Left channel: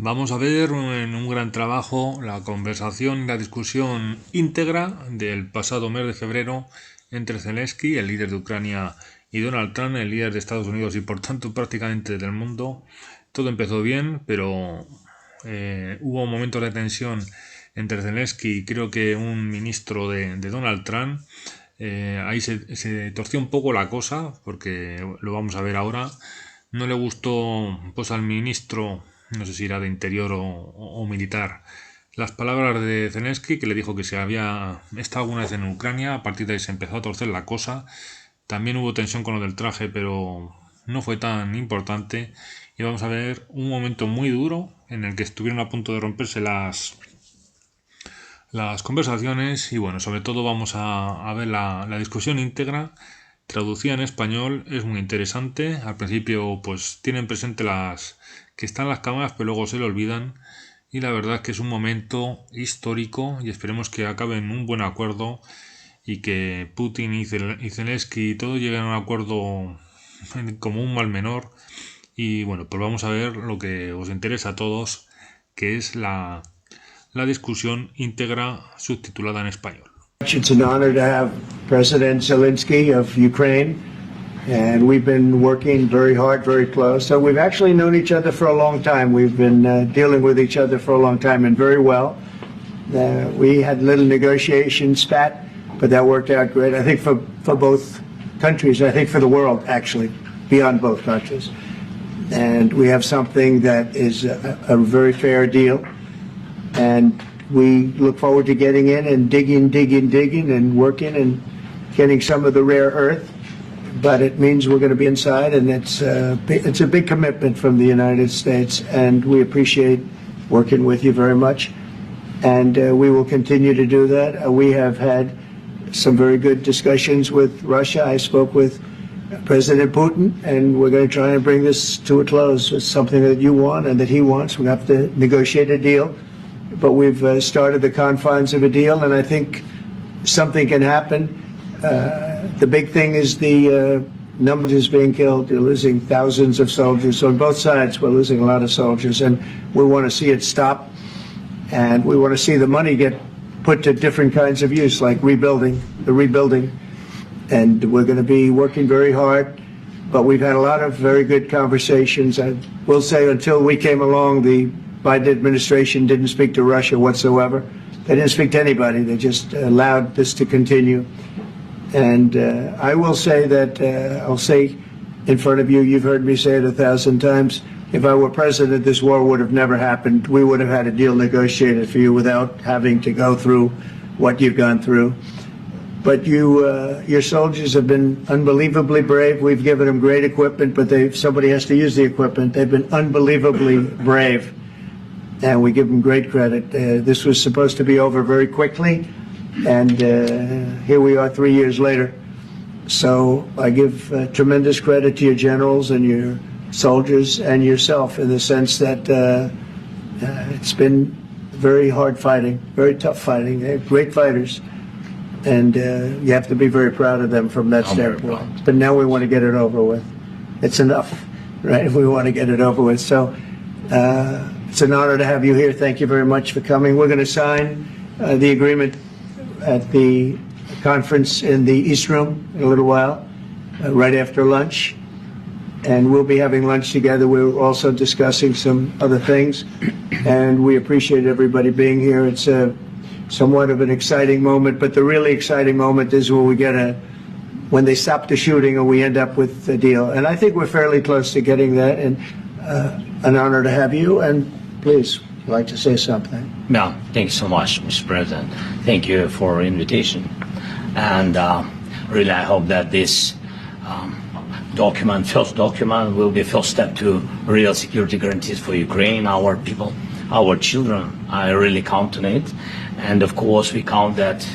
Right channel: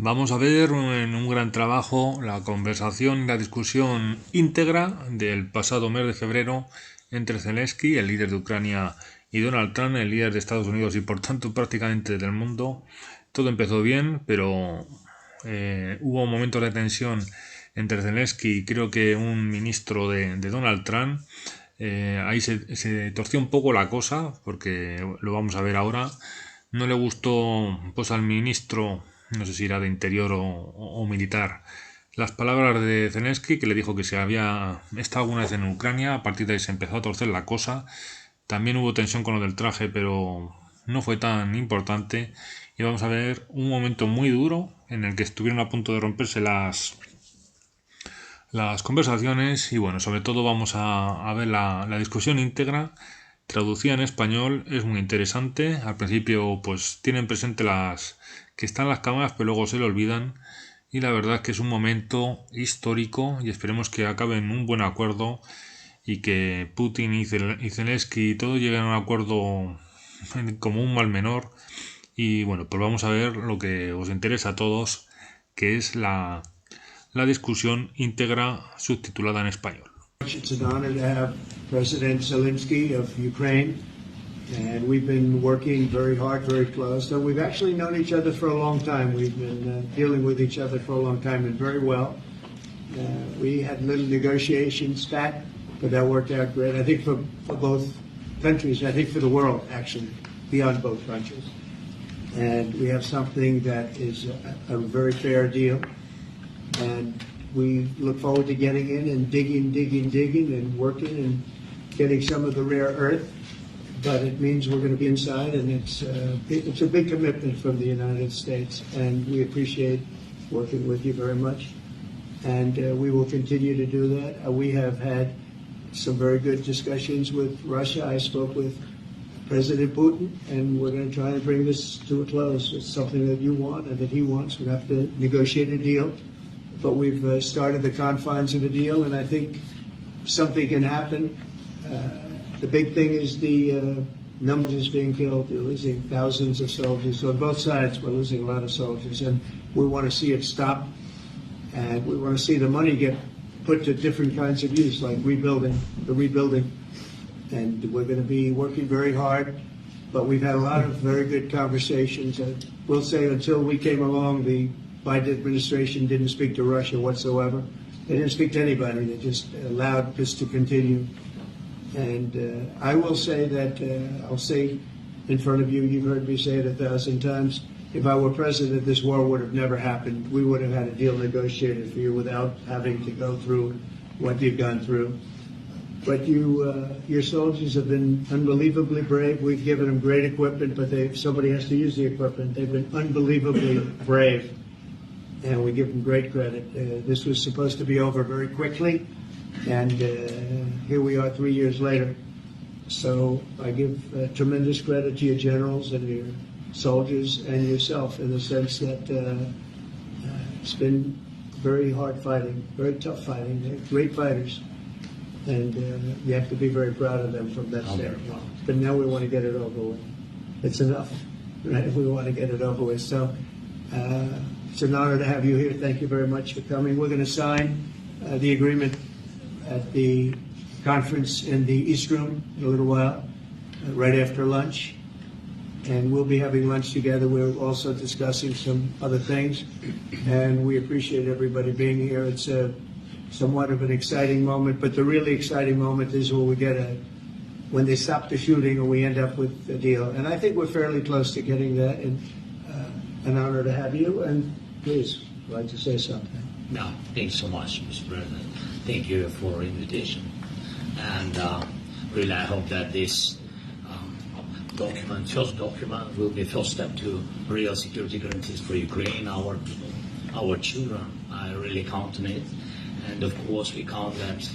Vamos a ver en un gran trabajo la conversación y la discusión íntegra del pasado mes de febrero entre Zelenski, el líder de Ucrania, y Donald Trump, el líder de Estados Unidos y por tanto prácticamente del mundo. Todo empezó bien, pero hubo momentos de tensión entre Zelenski y creo que un ministro de Donald Trump. Ahí se torció un poco la cosa, porque lo vamos a ver ahora. No le gustó pues al ministro, no sé si era de interior o militar, las palabras de Zelensky, que le dijo que se había estado alguna vez en Ucrania. A partir de ahí se empezó a torcer la cosa. También hubo tensión con lo del traje, pero no fue tan importante. Y vamos a ver un momento muy duro en el que estuvieron a punto de romperse las conversaciones. Y bueno, sobre todo vamos a ver la discusión íntegra traducida en español. Es muy interesante. Al principio pues tienen presente las que están las cámaras, pero luego se lo olvidan. Y la verdad es que es un momento histórico y esperemos que acabe en un buen acuerdo y que Putin y Zelensky y todo lleguen a un acuerdo como un mal menor. Y bueno, pues vamos a ver lo que os interesa a todos, que es la discusión íntegra subtitulada en español. It's an honor to have President Zelensky of Ukraine, and we've been working very hard, very close. So we've actually known each other for a long time. We've been dealing with each other for a long time and very well. We had a little negotiation spat, but that worked out great. I think for both countries, I think for the world, actually, beyond both countries. And we have something that is a very fair deal. And we look forward to getting in and digging and working and getting some of the rare earth. But it means we're going to be inside, and it's a big commitment from the United States, and we appreciate working with you very much. And we will continue to do that. We have had some very good discussions with Russia. I spoke with President Putin, and we're going to try and bring this to a close. It's something that you want and that he wants. We have to negotiate a deal. But we've started the confines of a deal, and I think something can happen. The big thing is the numbers being killed. They're losing thousands of soldiers. So on both sides, we're losing a lot of soldiers, and we want to see it stop. And we want to see the money get put to different kinds of use, like rebuilding. And we're going to be working very hard. But we've had a lot of very good conversations. I will say until we came along, the Biden administration didn't speak to Russia whatsoever. They didn't speak to anybody. They just allowed this to continue. And I will say that, I'll say in front of you, you've heard me say it 1,000 times, if I were president, this war would have never happened. We would have had a deal negotiated for you without having to go through what you've gone through. But your soldiers have been unbelievably brave. We've given them great equipment, but somebody has to use the equipment. They've been unbelievably brave, and we give them great credit. This was supposed to be over very quickly, and here we are 3 years later. So I give tremendous credit to your generals and your soldiers and yourself in the sense that it's been very hard fighting, very tough fighting. They're great fighters, and you have to be very proud of them from that standpoint. But now we want to get it over with. It's enough, right? We want to get it over with. So it's an honor to have you here. Thank you very much for coming. We're going to sign the agreement at the conference in the East Room in a little while, right after lunch. And we'll be having lunch together. We're also discussing some other things. And we appreciate everybody being here. It's somewhat of an exciting moment, but the really exciting moment is when they stop the shooting and we end up with a deal. And I think we're fairly close to getting that, and an honor to have you. And please, I'd like to say something. No, thank you so much, Mr. President. Thank you for invitation. And really, I hope that this first document, will be first step to real security guarantees for Ukraine, our people, our children. I really count on it. And of course, we count that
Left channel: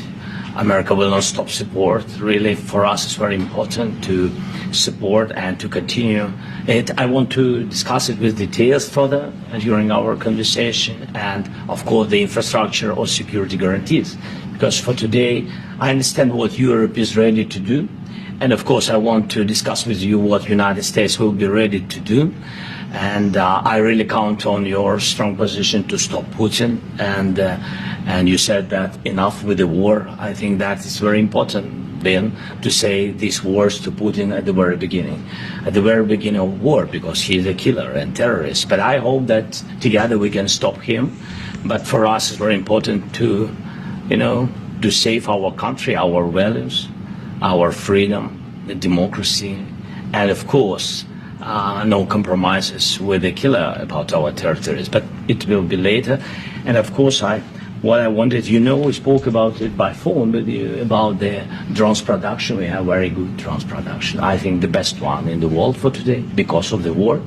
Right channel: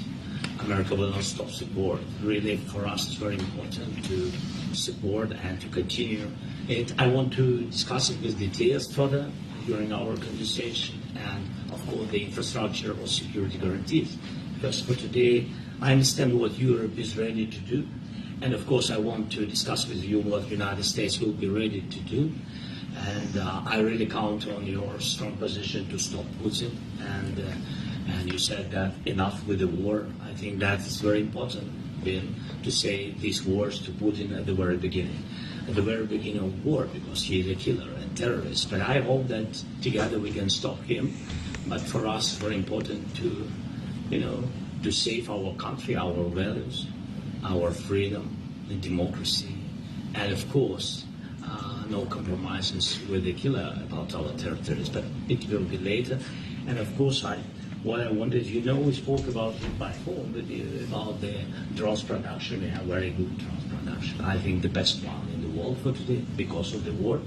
America will not stop support. Really, for us, it's very important to support and to continue it. I want to discuss it with details further during our conversation, and of course, the infrastructure or security guarantees. Because for today, I understand what Europe is ready to do, And of course, I want to discuss with you what United States will be ready to do. And I really count on your strong position to stop Putin. And you said that enough with the war. I think that is very important then to say these words to Putin at the very beginning of war, because he's a killer and terrorist. But I hope that together we can stop him. But for us, it's very important to, to save our country, our values, our freedom, the democracy, and of course, no compromises with the killer about our territories. But it will be later. And of course, what I wanted, we spoke about it by phone with you, about the drones production. We have very good drones production. I think the best one in the world for today because of the war.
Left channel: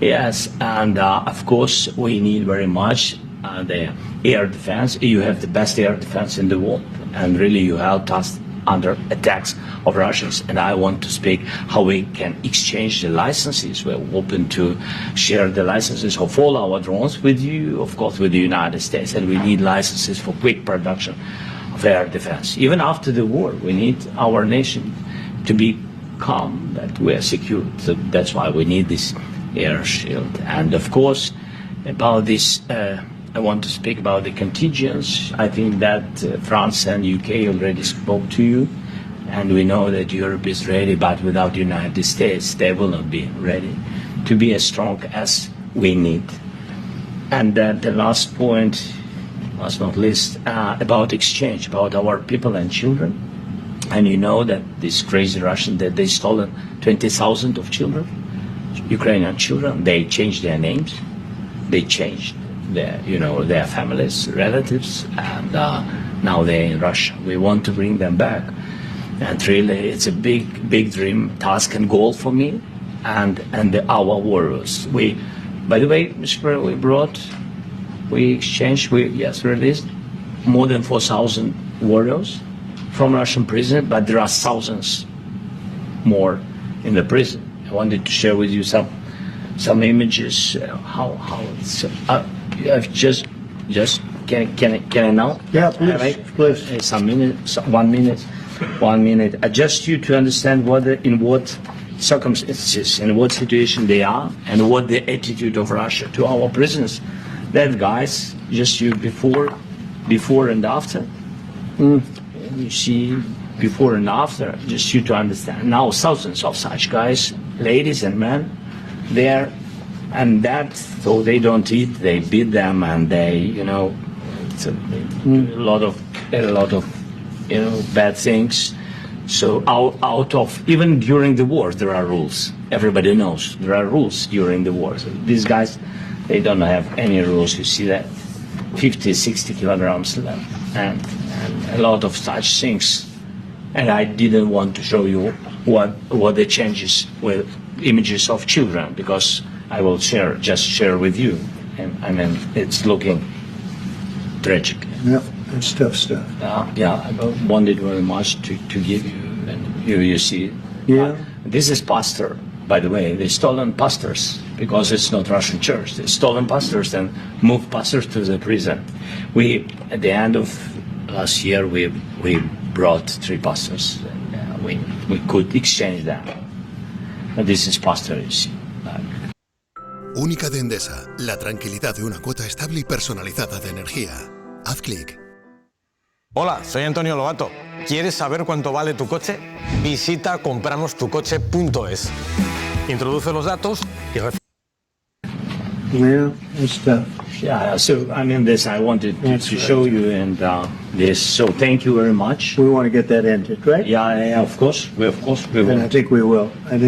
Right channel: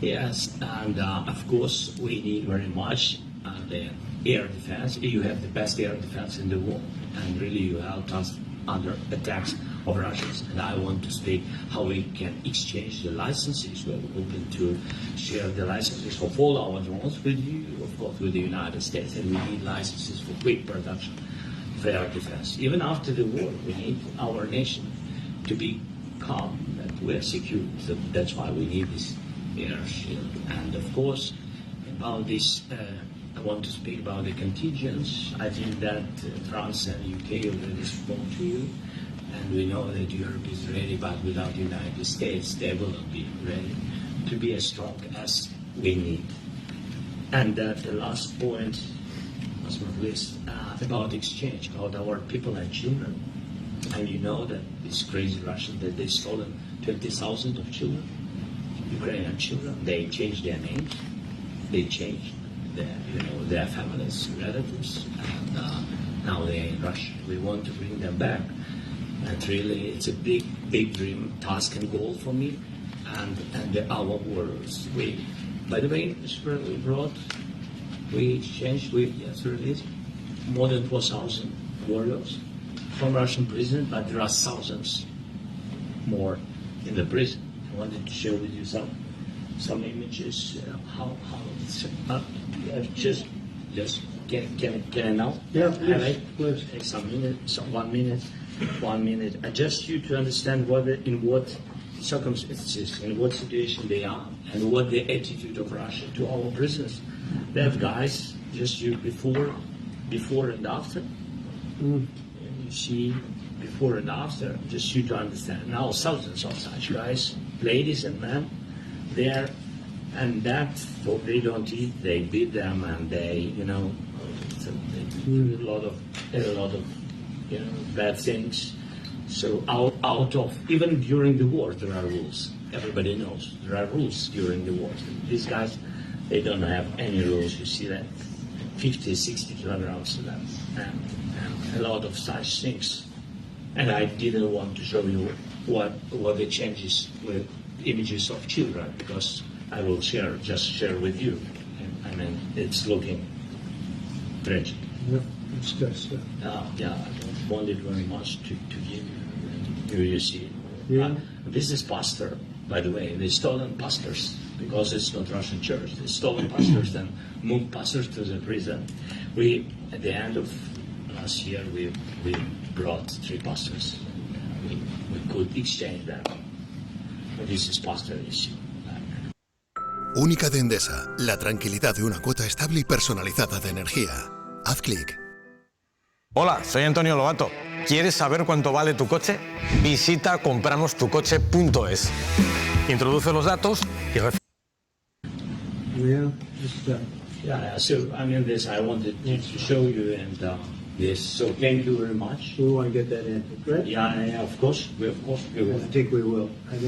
Yes, and of course, we need very much the air defense. You have the best air defense in the world, and really you helped us under attacks of Russians. And I want to speak how we can exchange the licenses. We're open to share the licenses of all our drones with you, of course, with the United States. And we need licenses for quick production of air defense. Even after the war, we need our nation to be calm, that we are secure. So that's why we need this air shield. And of course, about this, I want to speak about the contingents. I think that France and UK already spoke to you, and we know that Europe is ready, but without the United States, they will not be ready to be as strong as we need. And the last point, last not least, about exchange, about our people and children. And you know that this crazy Russian, that they stolen 20,000 of children, Ukrainian children. They changed their names, they changed their families, relatives, and now they're in Russia. We want to bring them back, and really, it's a big dream, task, and goal for me, and our warriors. By the way, Mr. President, we released more than 4,000 warriors from Russian prison, but there are thousands more in the prison. I wanted to share with you some images. How it's. Just can I now? Yeah, please. 1 minute. I just you to understand in what circumstances, in what situation they are, and what the attitude of Russia to our prisoners. That guys, just you before and after. You see before and after, just you to understand. Now thousands of such guys, ladies and men, there. And that, so they don't eat, they beat them, and they, it's a lot of bad things. So out of, even during the war, there are rules. Everybody knows there are rules during the war. So these guys, they don't have any rules. You see that 50, 60 kilograms left, and a lot of such things. And I didn't want to show you what the changes with images of children, because I will share with you, and it's looking tragic. Yeah, it's tough stuff. I wanted very much to give you, and you see. Yeah. This is pastor, by the way. They stolen pastors because it's not Russian church. They stolen pastors and moved pastors to the prison. We, at the end of last year, we brought 3 pastors. And, we could exchange them. And this is pastor, you see. Única de Endesa, la tranquilidad de una cuota estable y personalizada de energía. Haz clic. Hola, soy Antonio Lobato. ¿Quieres saber cuánto vale tu coche? Visita compramostucoche.es. Introduce los datos y Yeah, it's tough. Yeah, so this I wanted to show you, and this. So thank you very much. We want to get that ended, right? Yeah, of course. We will. And I think we will. And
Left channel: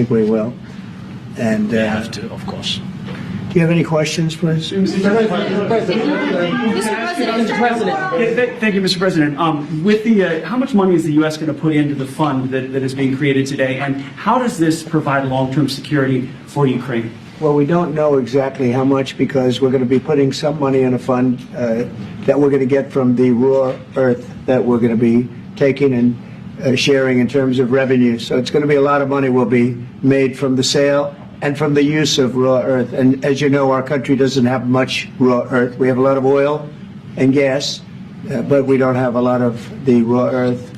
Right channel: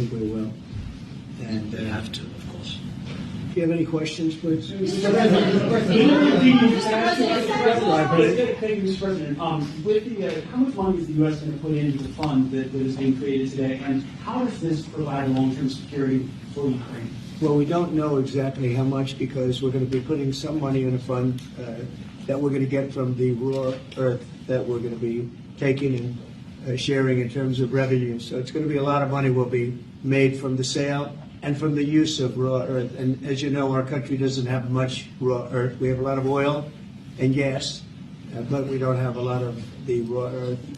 We have to, of course. do you have any questions, please? Mr. President. Thank you, Mr. President. With the, how much money is the U.S. going to put into the fund that is being created today, and how does this provide long-term security for Ukraine? Well, we don't know exactly how much, because we're going to be putting some money in a fund that we're going to get from the raw earth that we're going to be taking and sharing in terms of revenue. So it's going to be a lot of money will be made from the sale and from the use of raw earth. And as you know, our country doesn't have much raw earth. We have a lot of oil and gas, but we don't have a lot of the raw earth.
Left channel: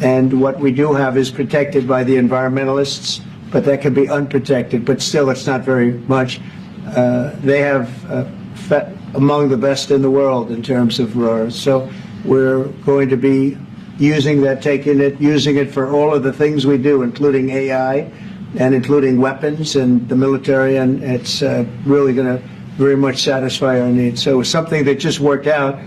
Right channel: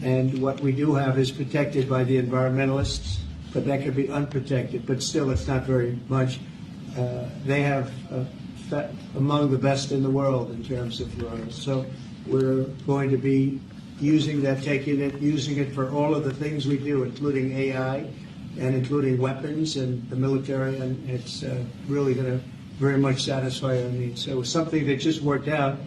And what we do have is protected by the environmentalists, but that can be unprotected. But still, it's not very much. They have among the best in the world in terms of ROAR. So we're going to be using that, using it for all of the things we do, including AI and including weapons and the military, and it's really going to very much satisfy our needs. So it's something that just worked out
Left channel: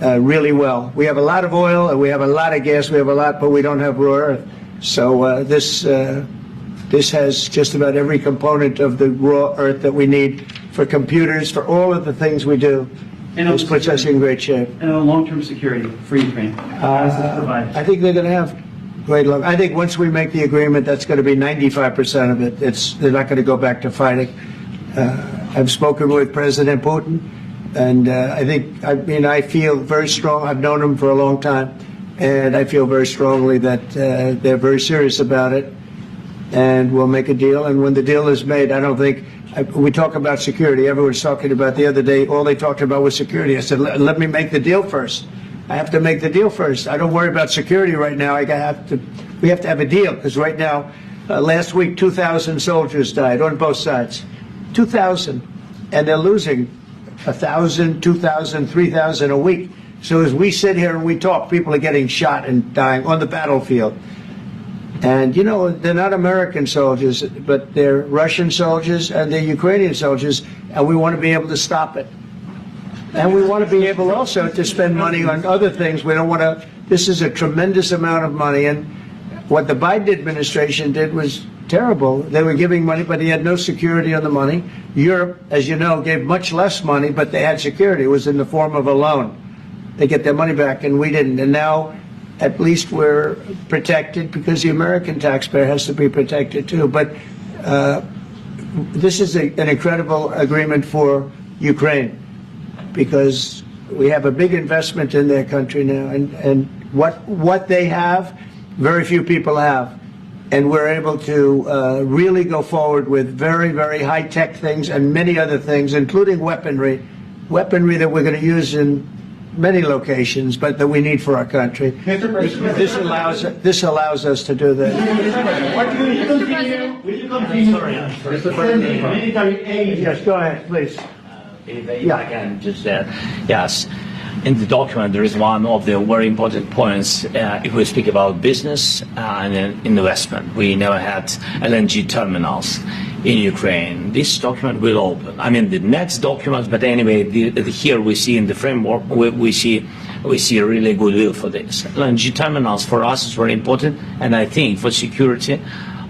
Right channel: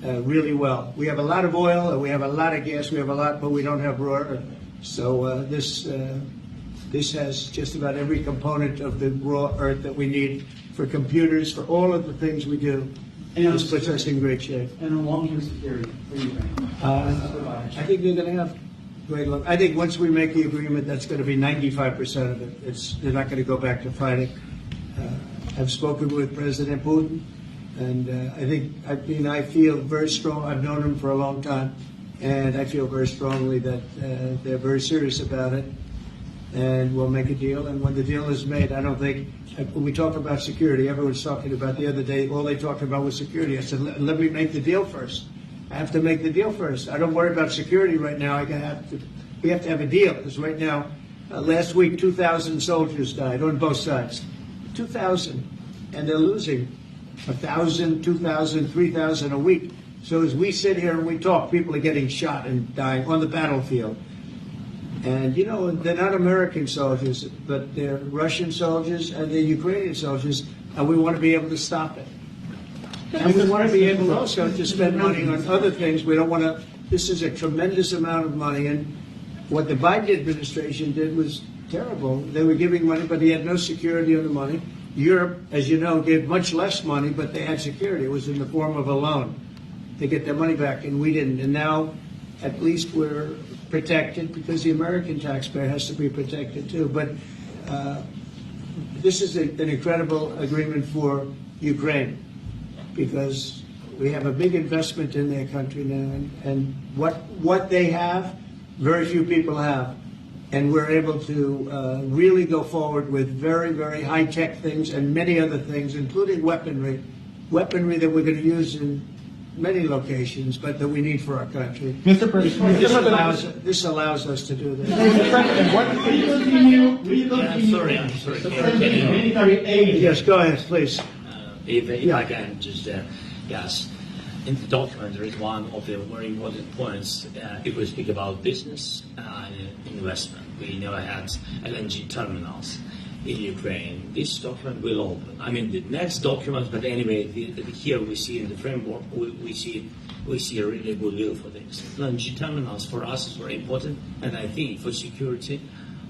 really well. We have a lot of oil and we have a lot of gas, we have a lot, but we don't have raw earth. So this has just about every component of the raw earth that we need for computers, for all of the things we do. This puts us in great shape. And long-term security for Ukraine. How does this provide? I think they're going to have great luck. I think once we make the agreement, that's going to be 95% of it. They're not going to go back to fighting. I've spoken with President Putin, and I feel very strong. I've known him for a long time, and I feel very strongly that they're very serious about it, and we'll make a deal. And when the deal is made, I don't think we talk about security. Everyone's talking about the other day. All they talked about was security. I said, let me make the deal first. I have to make the deal first. I don't worry about security right now. We have to have a deal, because right now, last week, 2,000 soldiers died on both sides. 2,000, and they're losing 1,000, 2,000, 3,000 a week. So as we sit here and we talk, people are getting shot and dying on the battlefield. And, you know, they're not American soldiers, but they're Russian soldiers and they're Ukrainian soldiers, and we want to be able to stop it. And we want to be able also to spend money on other things. We don't want to, this is a tremendous amount of money, and what the Biden administration did was terrible. They were giving money, but he had no security on the money. Europe, as you know, gave much less money, but they had security. It was in the form of a loan. They get their money back, and we didn't. And now, at least we're protected, because the American taxpayer has to be protected too. But this is an incredible agreement for Ukraine, because we have a big investment in their country now, and what they have, very few people have. And we're able to really go forward with very, very high-tech things and many other things, including weaponry that we're going to use in many locations, but that we need for our country. Mr. President, this allows us to do that. will you continue military aid? Yes, go ahead, please. If I can just yes. In the document, there is one of the very important points. If we speak about business and investment, we never had LNG terminals in Ukraine. This document will open. I mean, the next document, but anyway, here we see in the framework, we see a really goodwill for this. LNG terminals for us is very important, and I think for security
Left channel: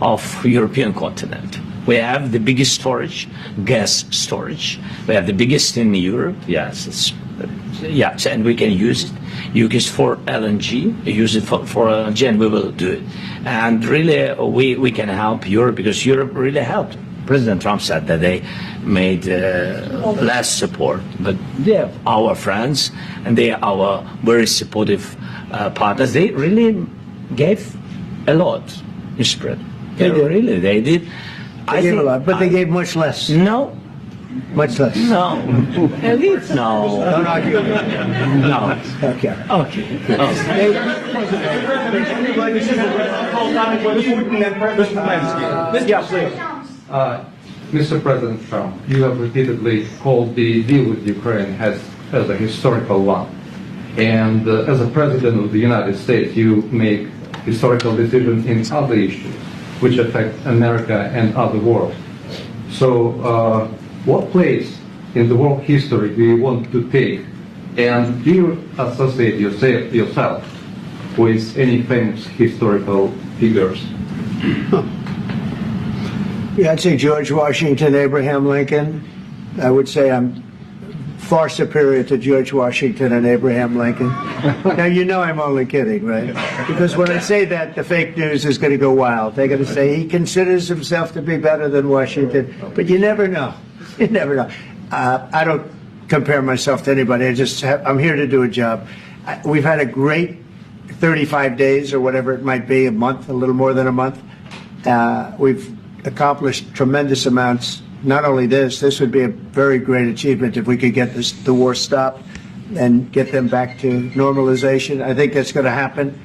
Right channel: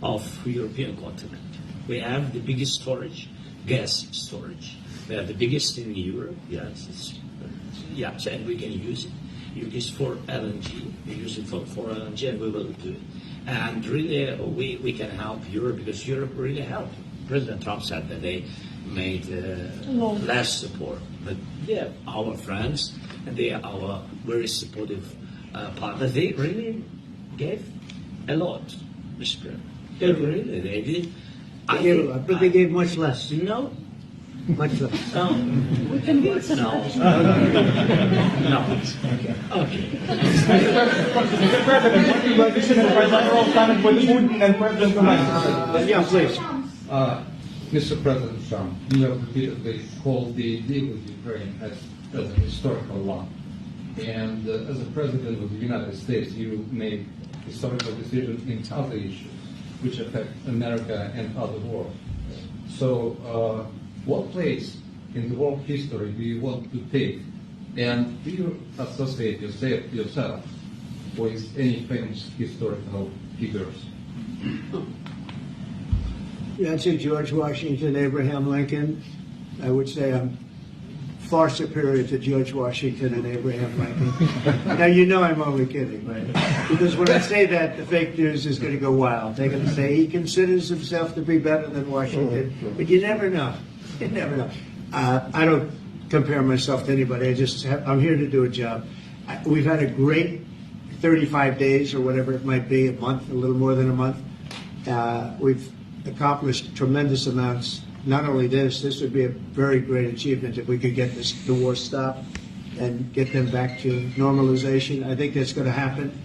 of European continent. We have the biggest storage, gas storage. We have the biggest in Europe. Yes, yes, and we can use it. Use it for LNG. Use it for LNG, and we will do it. And really, we can help Europe, because Europe really helped. President Trump said that they made less support, but they are our friends, and they are our very supportive partners. They really gave a lot, Mr. President. They did. They gave a lot, but they gave much less. No. Much less. No. Elite? No. No. Okay. Okay. Mr. President Trump, you have repeatedly called the deal with Ukraine as a historical one. And as a President of the United States, you make historical decisions in other issues which affect America and other world. So what place in the world history do you want to take? And do you associate yourself with any famous historical figures? Yeah, I'd say George Washington, Abraham Lincoln. I would say I'm far superior to George Washington and Abraham Lincoln. Now, you know I'm only kidding, right? Because when I say that, the fake news is going to go wild. They're going to say he considers himself to be better than Washington. But you never know. You never know. I don't compare myself to anybody. I'm here to do a job. We've had a great 35 days or whatever it might be, a month, a little more than a month. We've accomplished tremendous amounts. Not only this would be a very great achievement if we could get the war stopped and get them back to normalization. I think that's going to happen.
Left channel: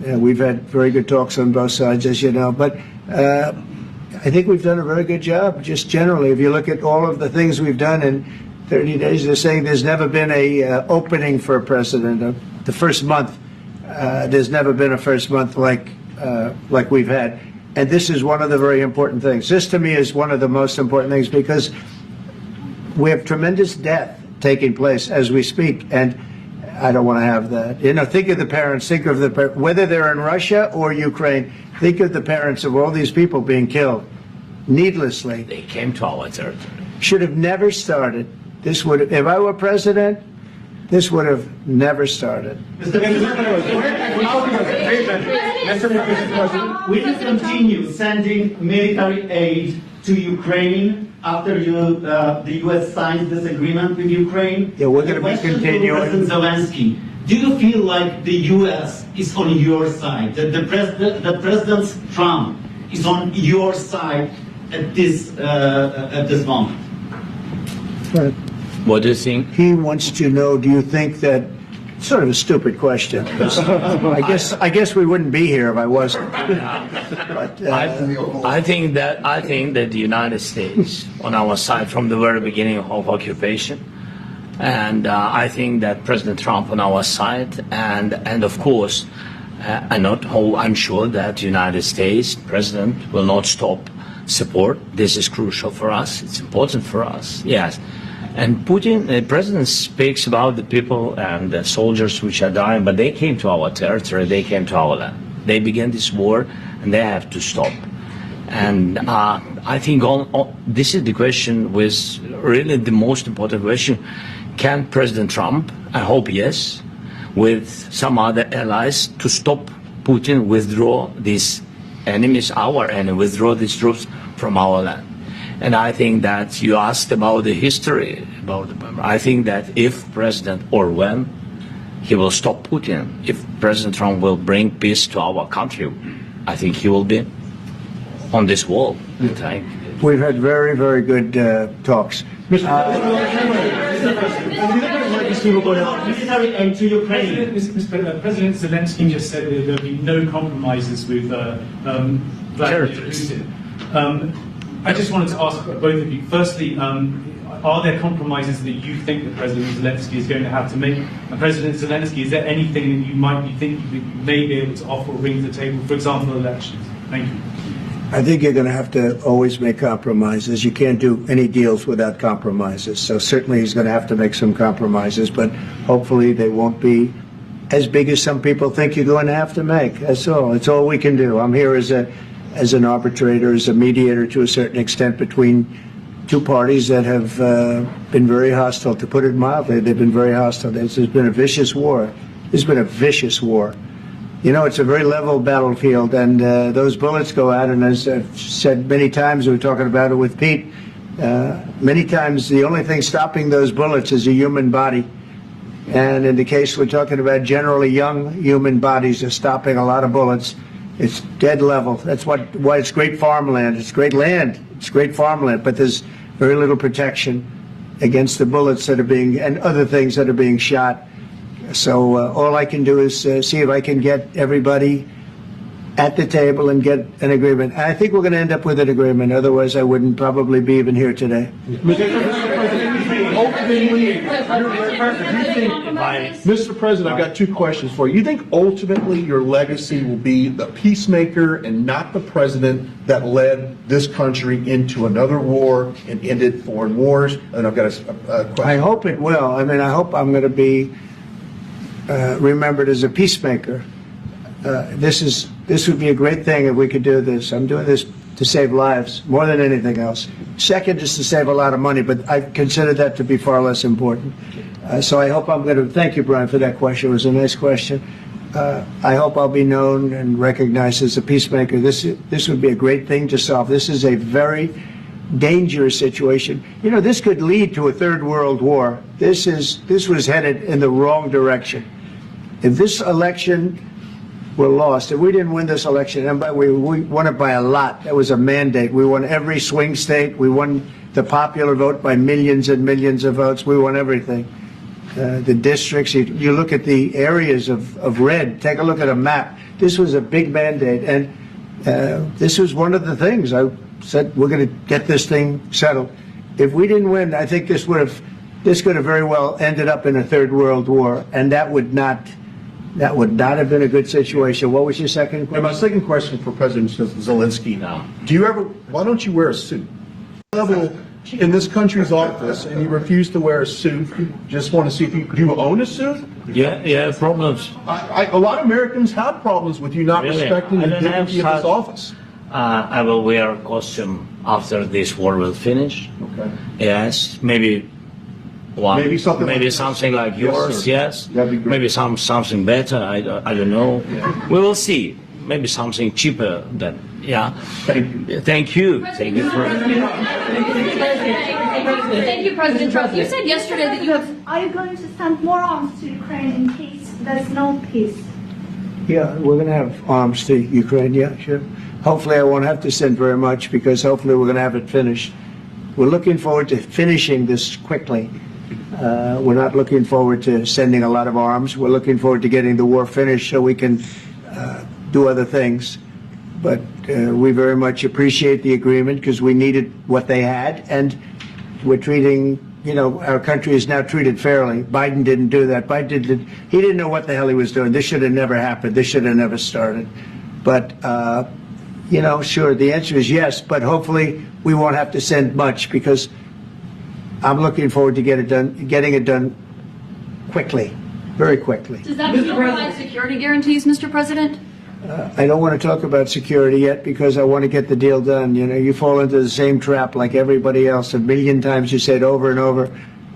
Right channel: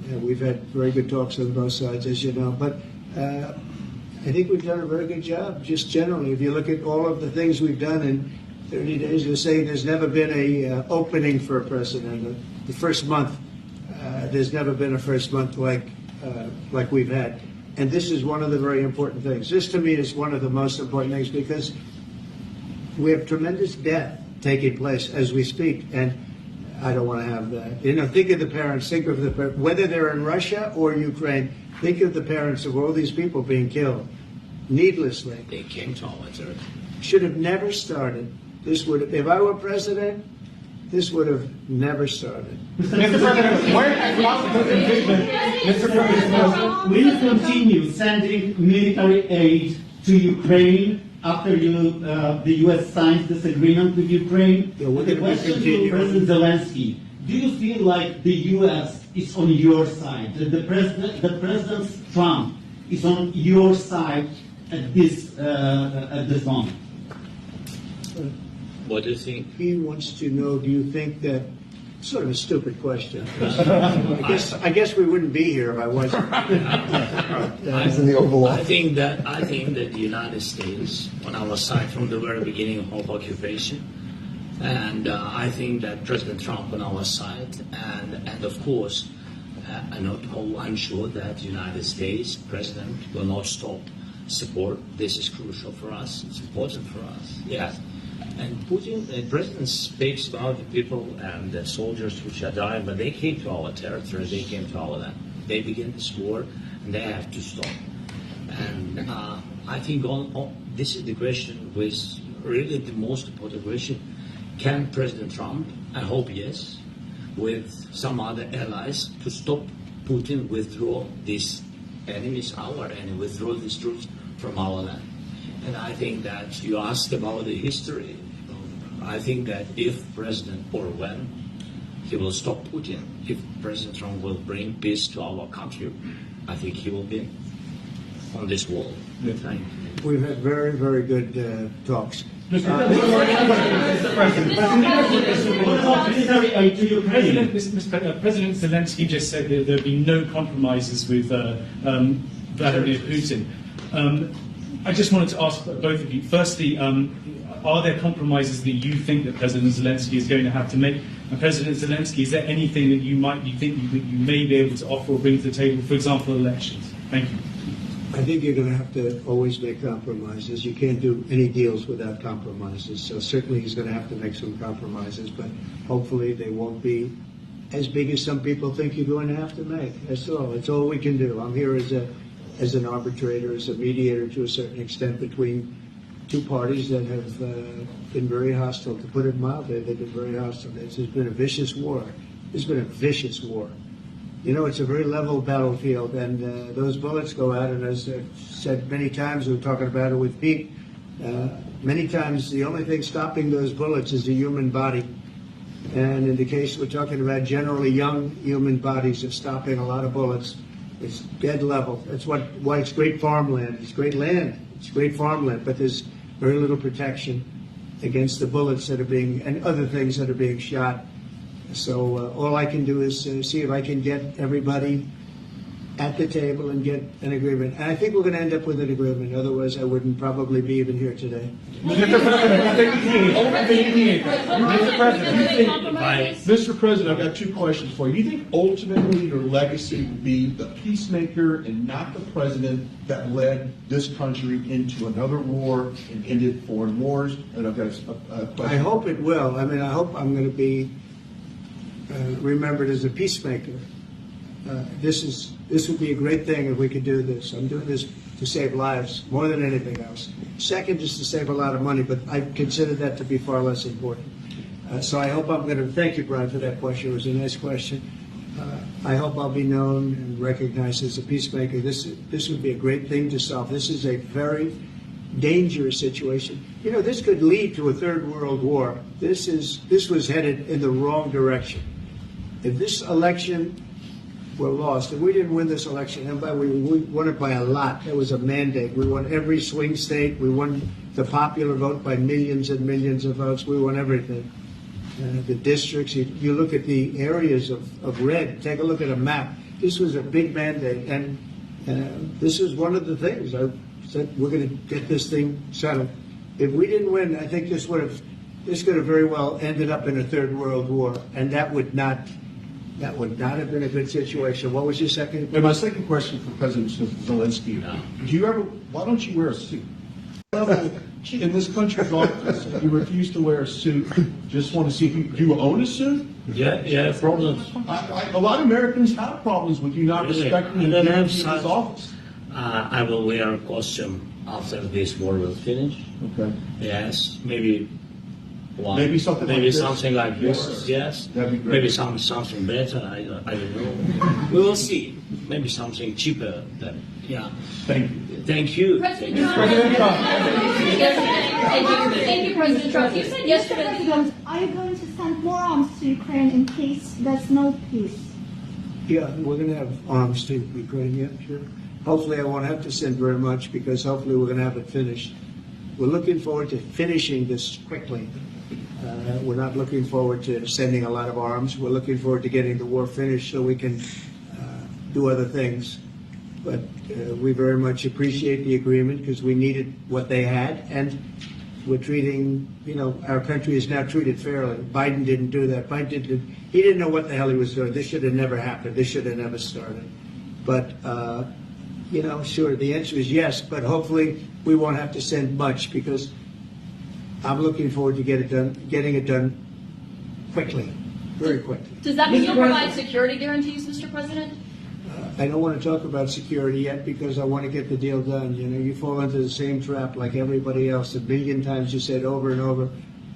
We've had very good talks on both sides, as you know, but I think we've done a very good job, just generally. If you look at all of the things we've done in 30 days, they're saying there's never been a opening for a president. The first month, there's never been a first month like we've had. And this is one of the very important things. This, to me, is one of the most important things because we have tremendous death taking place as we speak, and I don't want to have that. You know, think of the parents, think of the whether they're in Russia or Ukraine, think of the parents of all these people being killed needlessly. They came to our territory. Should have never started. This would, if I were president, this would have never started. Mr. President, will you continue sending military aid to Ukraine after the U.S. signs this agreement with Ukraine? Yeah, we're going to be continuing. President Zelensky, do you feel like the U.S. is on your side? That President Trump is on your side at this moment? Right. What do you think? He wants to know, do you think that, sort of a stupid question. I guess we wouldn't be here if I wasn't. But, I think that the United States on our side from the very beginning of occupation, and I think that President Trump on our side, and of course, I'm sure that the United States President will not stop support. This is crucial for us. It's important for us. Yes. And Putin, the president speaks about the people and the soldiers which are dying, but they came to our territory, they came to our land. They began this war, and they have to stop. And I think this is the question, with really the most important question. Can President Trump, I hope yes, with some other allies, to stop Putin, withdraw these enemies, our enemy, withdraw these troops from our land? And I think that you asked about the history, I think that if President, or when, he will stop Putin, if President Trump will bring peace to our country, I think he will be on this wall. we've had very, very good talks. Mr. President Zelensky just said that there will be no compromises with Vladimir Putin. I just wanted to ask both of you, firstly, are there compromises that you think that President Zelensky is going to have to make? And President Zelensky, is there anything that you might be thinking that you may be able to offer or bring to the table, for example, elections? Thank you. I think you're going to have to always make compromises. You can't do any deals without compromises. So certainly he's going to have to make some compromises, but hopefully they won't be as big as some people think you're going to have to make. That's all. It's all we can do. I'm here as an arbitrator, as a mediator to a certain extent between two parties that have been very hostile, to put it mildly. They've been very hostile. There's been a vicious war. There's been a vicious war. You know, it's a very level battlefield, and those bullets go out, and as I've said many times, we were talking about it with Pete, many times the only thing stopping those bullets is a human body. And in the case we're talking about, generally young human bodies are stopping a lot of bullets. It's dead level. That's why it's great farmland. It's great land. It's great farmland, but there's very little protection against the bullets that are being, and other things that are being shot. So all I can do is see if I can get everybody at the table and get an agreement. I think we're going to end up with an agreement. Otherwise, I wouldn't probably be even here today. Mr. President, I've got two questions for you. You think ultimately your legacy will be the peacemaker and not the president that led this country into another war and ended foreign wars? And I've got a question. I hope it will. I mean, I hope I'm going to be remembered as a peacemaker. This would be a great thing if we could do this. I'm doing this to save lives more than anything else. Second is to save a lot of money, but I consider that to be far less important. So I hope I'm going to, thank you, Brian, for that question. It was a nice question. I hope I'll be known and recognized as a peacemaker. This would be a great thing to solve. This is a very dangerous situation. You know, this could lead to a third world war. This was headed in the wrong direction. If this election were lost, if we didn't win this election, and we won it by a lot, it was a mandate. We won every swing state. We won the popular vote by millions and millions of votes. We won everything. The districts, you look at the areas of red, take a look at a map. this was a big mandate, and this was one of the things I said, we're going to get this thing settled. If we didn't win, I think this could have very well ended up in a third world war, and that would not have been a good situation. What was your second question? And my second question for President Zelensky now. Why don't you wear a suit? In this country's office, and you refuse to wear a suit, just want to see if do you own a suit? Yeah, problems. A lot of Americans have problems with you not Really? respecting the I don't have dignity of this such- office. I will wear a costume after this war will finish. Okay. Yes, maybe one. Maybe something like this. something like Yes, yours. sir. Yes. That'd be great. Maybe something better. I don't know. We will see. Maybe something cheaper than. Yeah. Thank you. Thank you. Thank you. Thank you, President Trump. You said yesterday that you have. Are you going to send more arms to Ukraine in case there's no peace? Yeah, we're going to have arms to Ukraine, yeah, sure. Hopefully I won't have to send very much, because hopefully we're going to have it finished. We're looking forward to finishing this quickly. We're not looking forward to sending a lot of arms. We're looking forward to getting the war finished so we can do other things. But we very much appreciate the agreement, because we needed what they had, and we're treating, our country is now treated fairly. Biden didn't do that. He didn't know what the hell he was doing. This should have never happened. This should have never started. But, sure, the answer is yes, but hopefully we won't have to send much, because I'm looking forward to getting it done quickly, very quickly. Does that still provide security guarantees, Mr. President? I don't want to talk about security yet, because I want to get the deal done. You fall into the same trap like everybody else. A million times you say it over and over.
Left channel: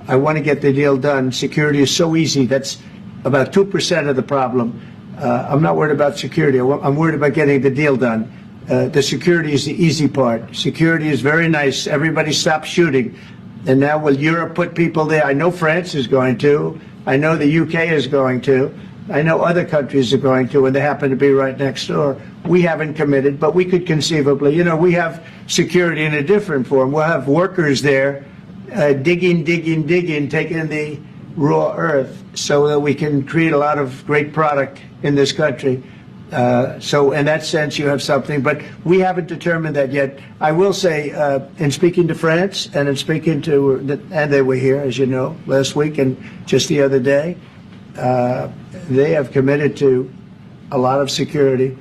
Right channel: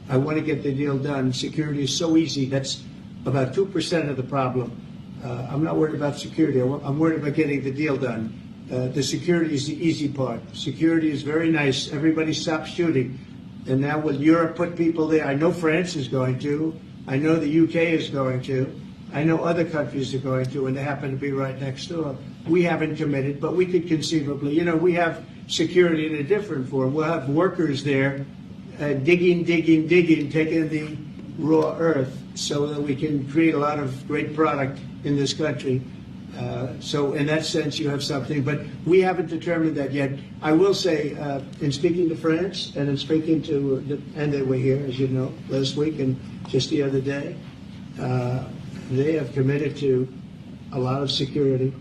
I want to get the deal done. Security is so easy. That's about 2% of the problem. I'm not worried about security. I'm worried about getting the deal done. The security is the easy part. Security is very nice. Everybody stops shooting. And now will Europe put people there? I know France is going to. I know the UK is going to. I know other countries are going to, and they happen to be right next door. We haven't committed, but we could conceivably. We have security in a different form. We'll have workers there digging, taking the raw earth so that we can create a lot of great product in this country. So in that sense, you have something, but we haven't determined that yet. I will say, in speaking to France and in speaking to, and they were here, as you know, last week and just the other day, they have committed to a lot of security.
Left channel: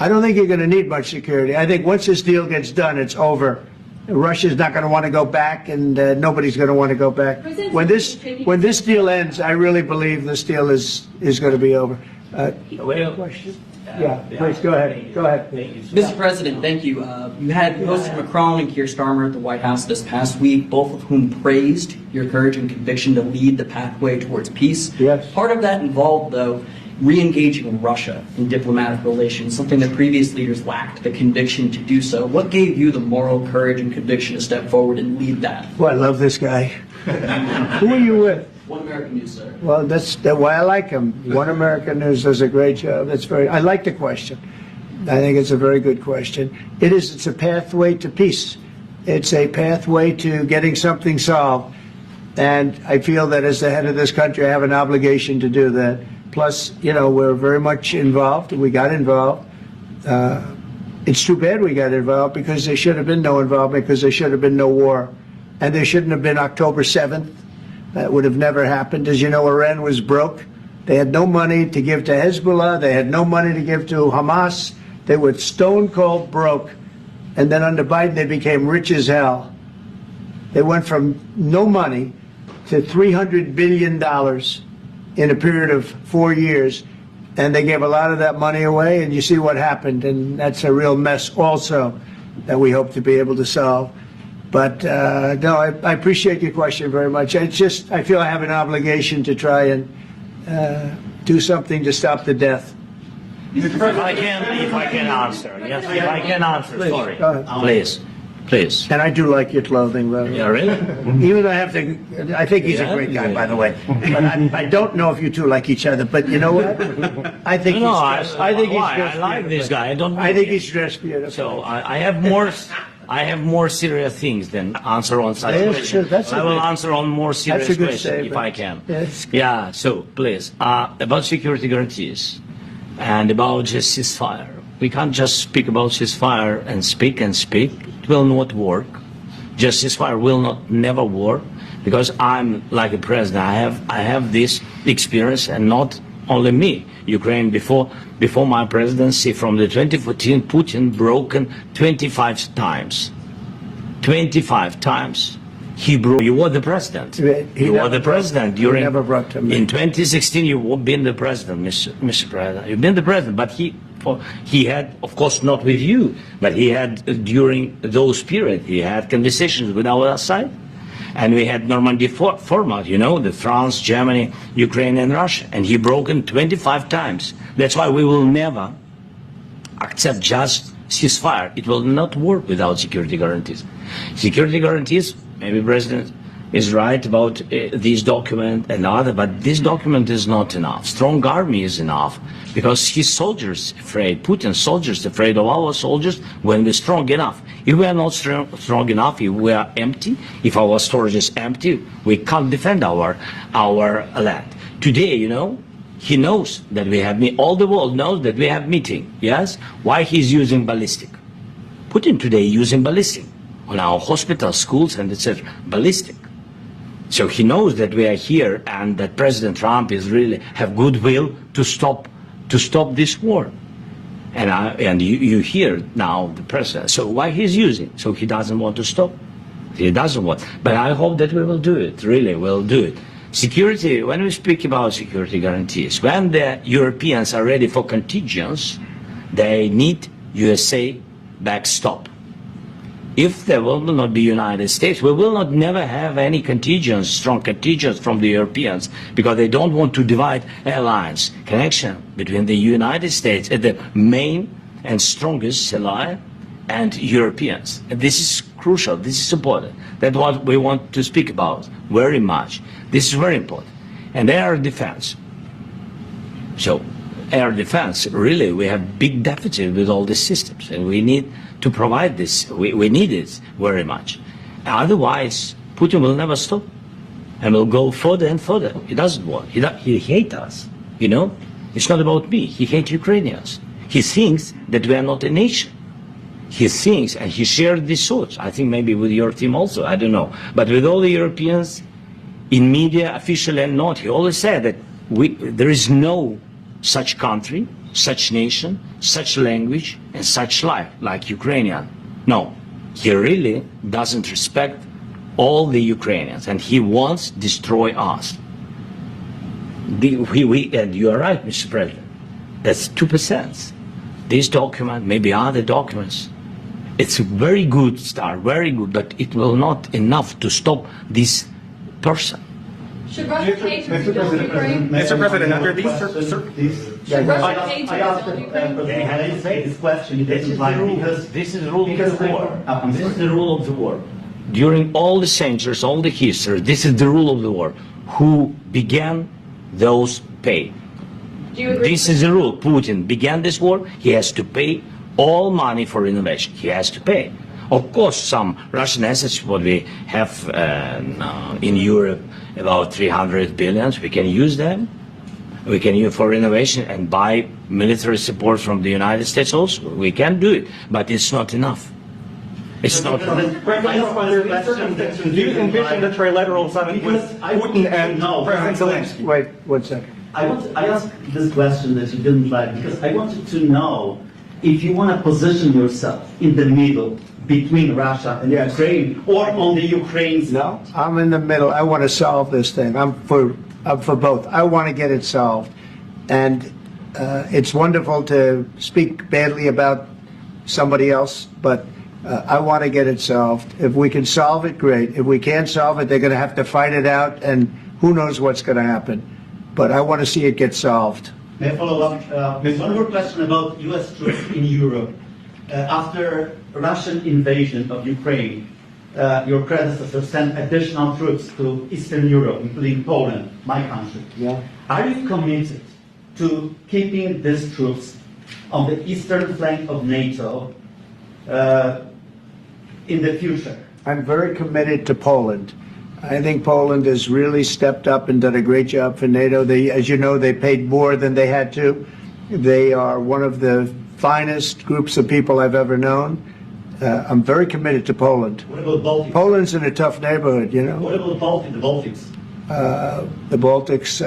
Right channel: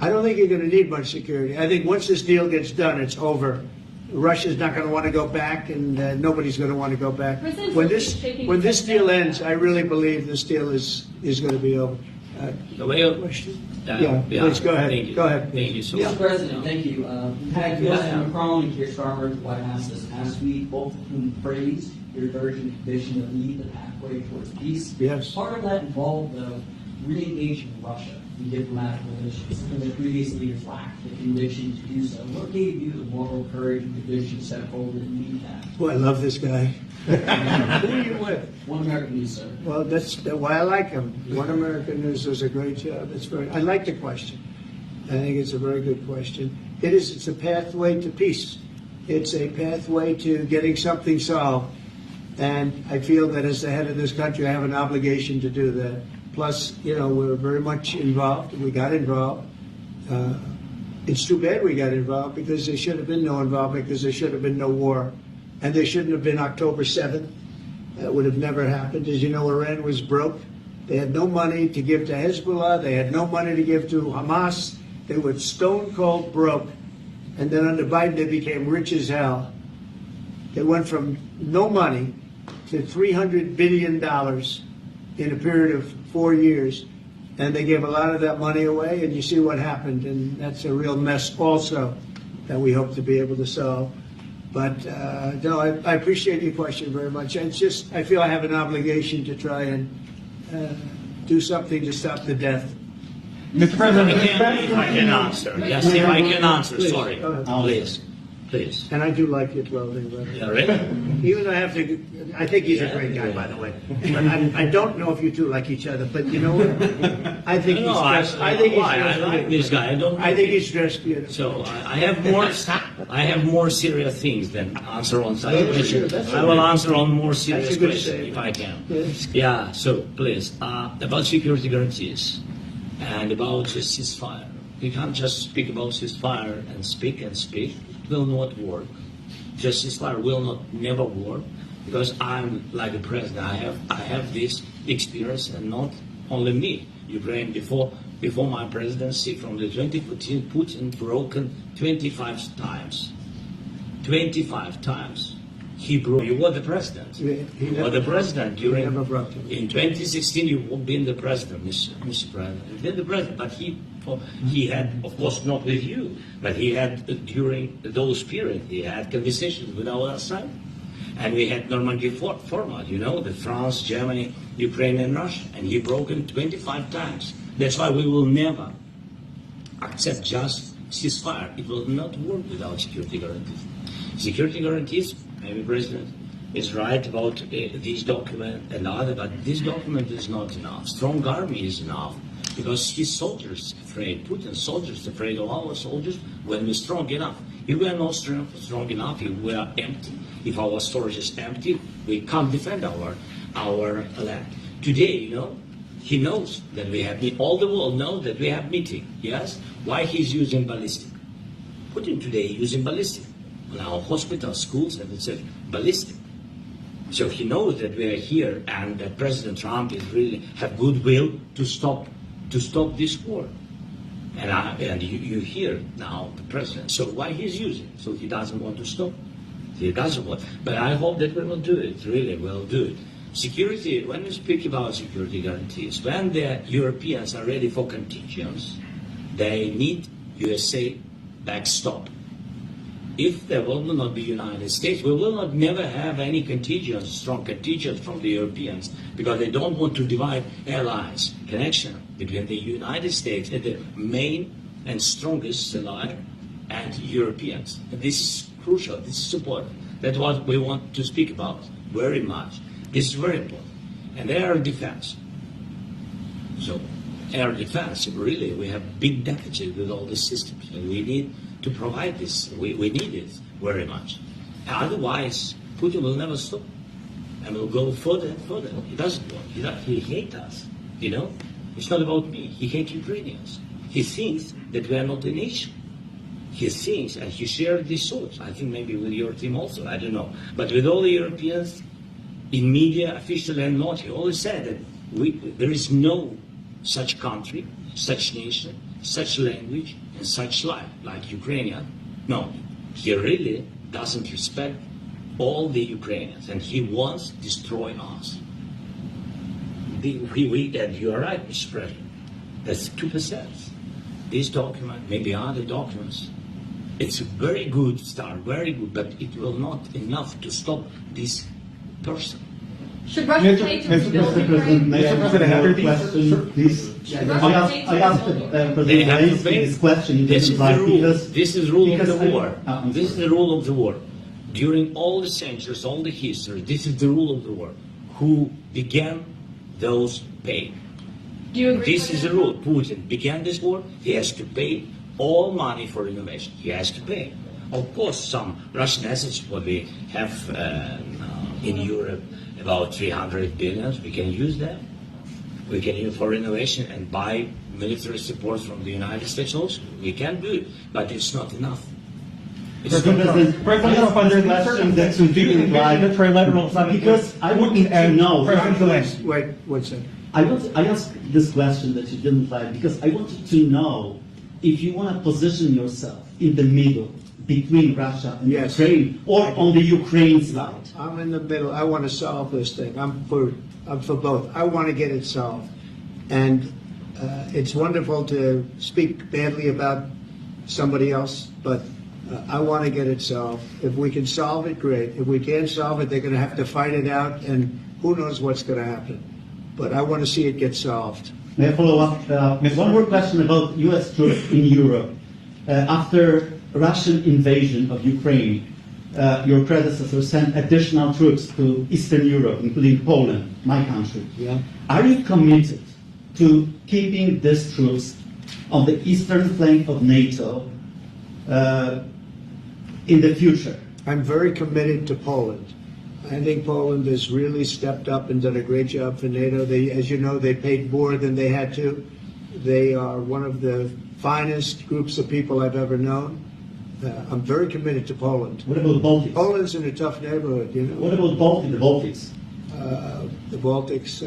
I don't think you're going to need much security. I think once this deal gets done, it's over. Russia's not going to want to go back, and nobody's going to want to go back. When this deal ends, I really believe this deal is going to be over. Question? Yeah, please go ahead. Go ahead. Thank you so Mr. President, thank you. You had Mr. Macron and Keir Starmer at the White House this past week, both of whom praised your courage and conviction to lead the pathway towards peace. Yes. Part of that involved, though, re-engaging Russia in diplomatic relations, something that previous leaders lacked the conviction to do so. What gave you the moral courage and conviction to step forward and lead that? Well, I love this guy. Who are you with? One American News, sir. Well, that's why I like him. One American News does a great job. I like the question. I think it's a very good question. It's a pathway to peace. It's a pathway to getting something solved. And I feel that as the head of this country, I have an obligation to do that. Plus, we're very much involved. We got involved. It's too bad we got involved, because there should have been no involvement, because there should have been no war. And there shouldn't have been October 7th. That would have never happened. As you know, Iran was broke. They had no money to give to Hezbollah. They had no money to give to Hamas. They were stone cold broke. And then under Biden, they became rich as hell. They went from no money to $300 billion in a period of 4 years. And they gave a lot of that money away, and you see what happened. And that's a real mess also that we hope to be able to solve. But no, I appreciate your question very much. I feel I have an obligation to try and do something to stop the death. Mr. President, if I can answer. Yes, if I can answer, sorry. Please. And I do like your clothing, by the way. Yeah, really? Even though I think he's a great guy, by the way. But I don't know if you two like each other. But you know what? I think he's dressed. I like this guy. I think he's dressed beautiful. So I have more serious things than answer on such questions. I will answer on more serious questions if I can. Yeah. So please, about security guarantees. And about just ceasefire. We can't just speak about ceasefire and speak and speak. It will not work. Just ceasefire will not never work, because I'm like a president. I have this experience, and not only me. Ukraine before my presidency, from the 2014, Putin broken 25 times. 25 times. He broke. You were the president. You were the president during. Never brought him in 2016, you've been the president, Mr. President. You've been the president, but he had, of course, not with you, but he had during those periods. He had conversations with our side, and we had Normandy format. You know, the France, Germany, Ukraine, and Russia, and he broken 25 times. That's why we will never accept just ceasefire. It will not work without security guarantees. Security guarantees. Maybe President is right about this document and other, but this document is not enough. Strong army is enough, because his soldiers afraid, Putin's soldiers afraid of our soldiers when we're strong enough. If we are not strong enough, if we are empty, if our storage is empty, we can't defend our land. Today, you know, he knows that we have, all the world knows that we have meeting, yes? Why he's using ballistic? Putin today using ballistic on our hospitals, schools, and etc. Ballistic. So he knows that we are here, and that President Trump is really have goodwill to stop this war. And you hear now the president. So why he's using? So he doesn't want to stop. He doesn't want. But I hope that we will do it. Really, we'll do it. Security. When we speak about security guarantees, when the Europeans are ready for contingents, they need USA backstop. If there will not be United States, we will not never have any contingents, strong contingents from the Europeans, because they don't want to divide alliance, connection between the United States, the main and strongest ally, and Europeans. And this is crucial, this is important. That's what we want to speak about very much. This is very important. And air defense. So air defense, really, we have big deficit with all these systems, and we need to provide this. We need it very much. Otherwise, Putin will never stop, and will go further and further. He doesn't want. He hates us. You know, it's not about me. He hates Ukrainians. He thinks that we are not a nation. He thinks, and he shared these thoughts. I think maybe with your team also. I don't know, but with all the Europeans, in media, officially and not, he always said that there is no such country, such nation, such language, and such life like Ukrainian. No, he really doesn't respect all the Ukrainians, and he wants to destroy us. And you are right, Mr. President. That's 2%. This document, maybe other documents, it's a very good start, very good, but it will not enough to stop this person. Should Russia take to rebuild Ukraine? Mr. President, after these, I asked President this question. This is the rule. This is the rule of the war. This is the rule of the war. During all the centuries, all the history, this is the rule of the war. Who began, those pay. Do you agree? This is the rule. Putin began this war. He has to pay all money for innovation. He has to pay. Of course, some Russian assets, what we have in Europe, about 300 billion, we can use them. We can use for innovation and buy military support from the United States also. We can do it, but it's not enough. It's not enough. Because I want to know. Wait 1 second. I asked this question that you didn't like because I wanted to know if you want to position yourself in the middle between Russia and Ukraine, or on the Ukraine's. No, I'm in the middle. I want to solve this thing. I'm for both. I want to get it solved, and it's wonderful to speak badly about somebody else, but I want to get it solved. If we can solve it, great. If we can't solve it, they're going to have to fight it out, and who knows what's going to happen. But I want to see it get solved. May I follow up? One more question about U.S. troops in Europe. After Russian invasion of Ukraine, your predecessor sent additional troops to Eastern Europe, including Poland, my country. Yeah. Are you committed to keeping these troops on the eastern flank of NATO in the future? I'm very committed to Poland. I think Poland has really stepped up and done a great job for NATO. As you know, they paid more than they had to. They are one of the finest groups of people I've ever known. I'm very committed to Poland. What about the Baltics? Poland's in a tough neighborhood, you know. What about the Baltics? The Baltics,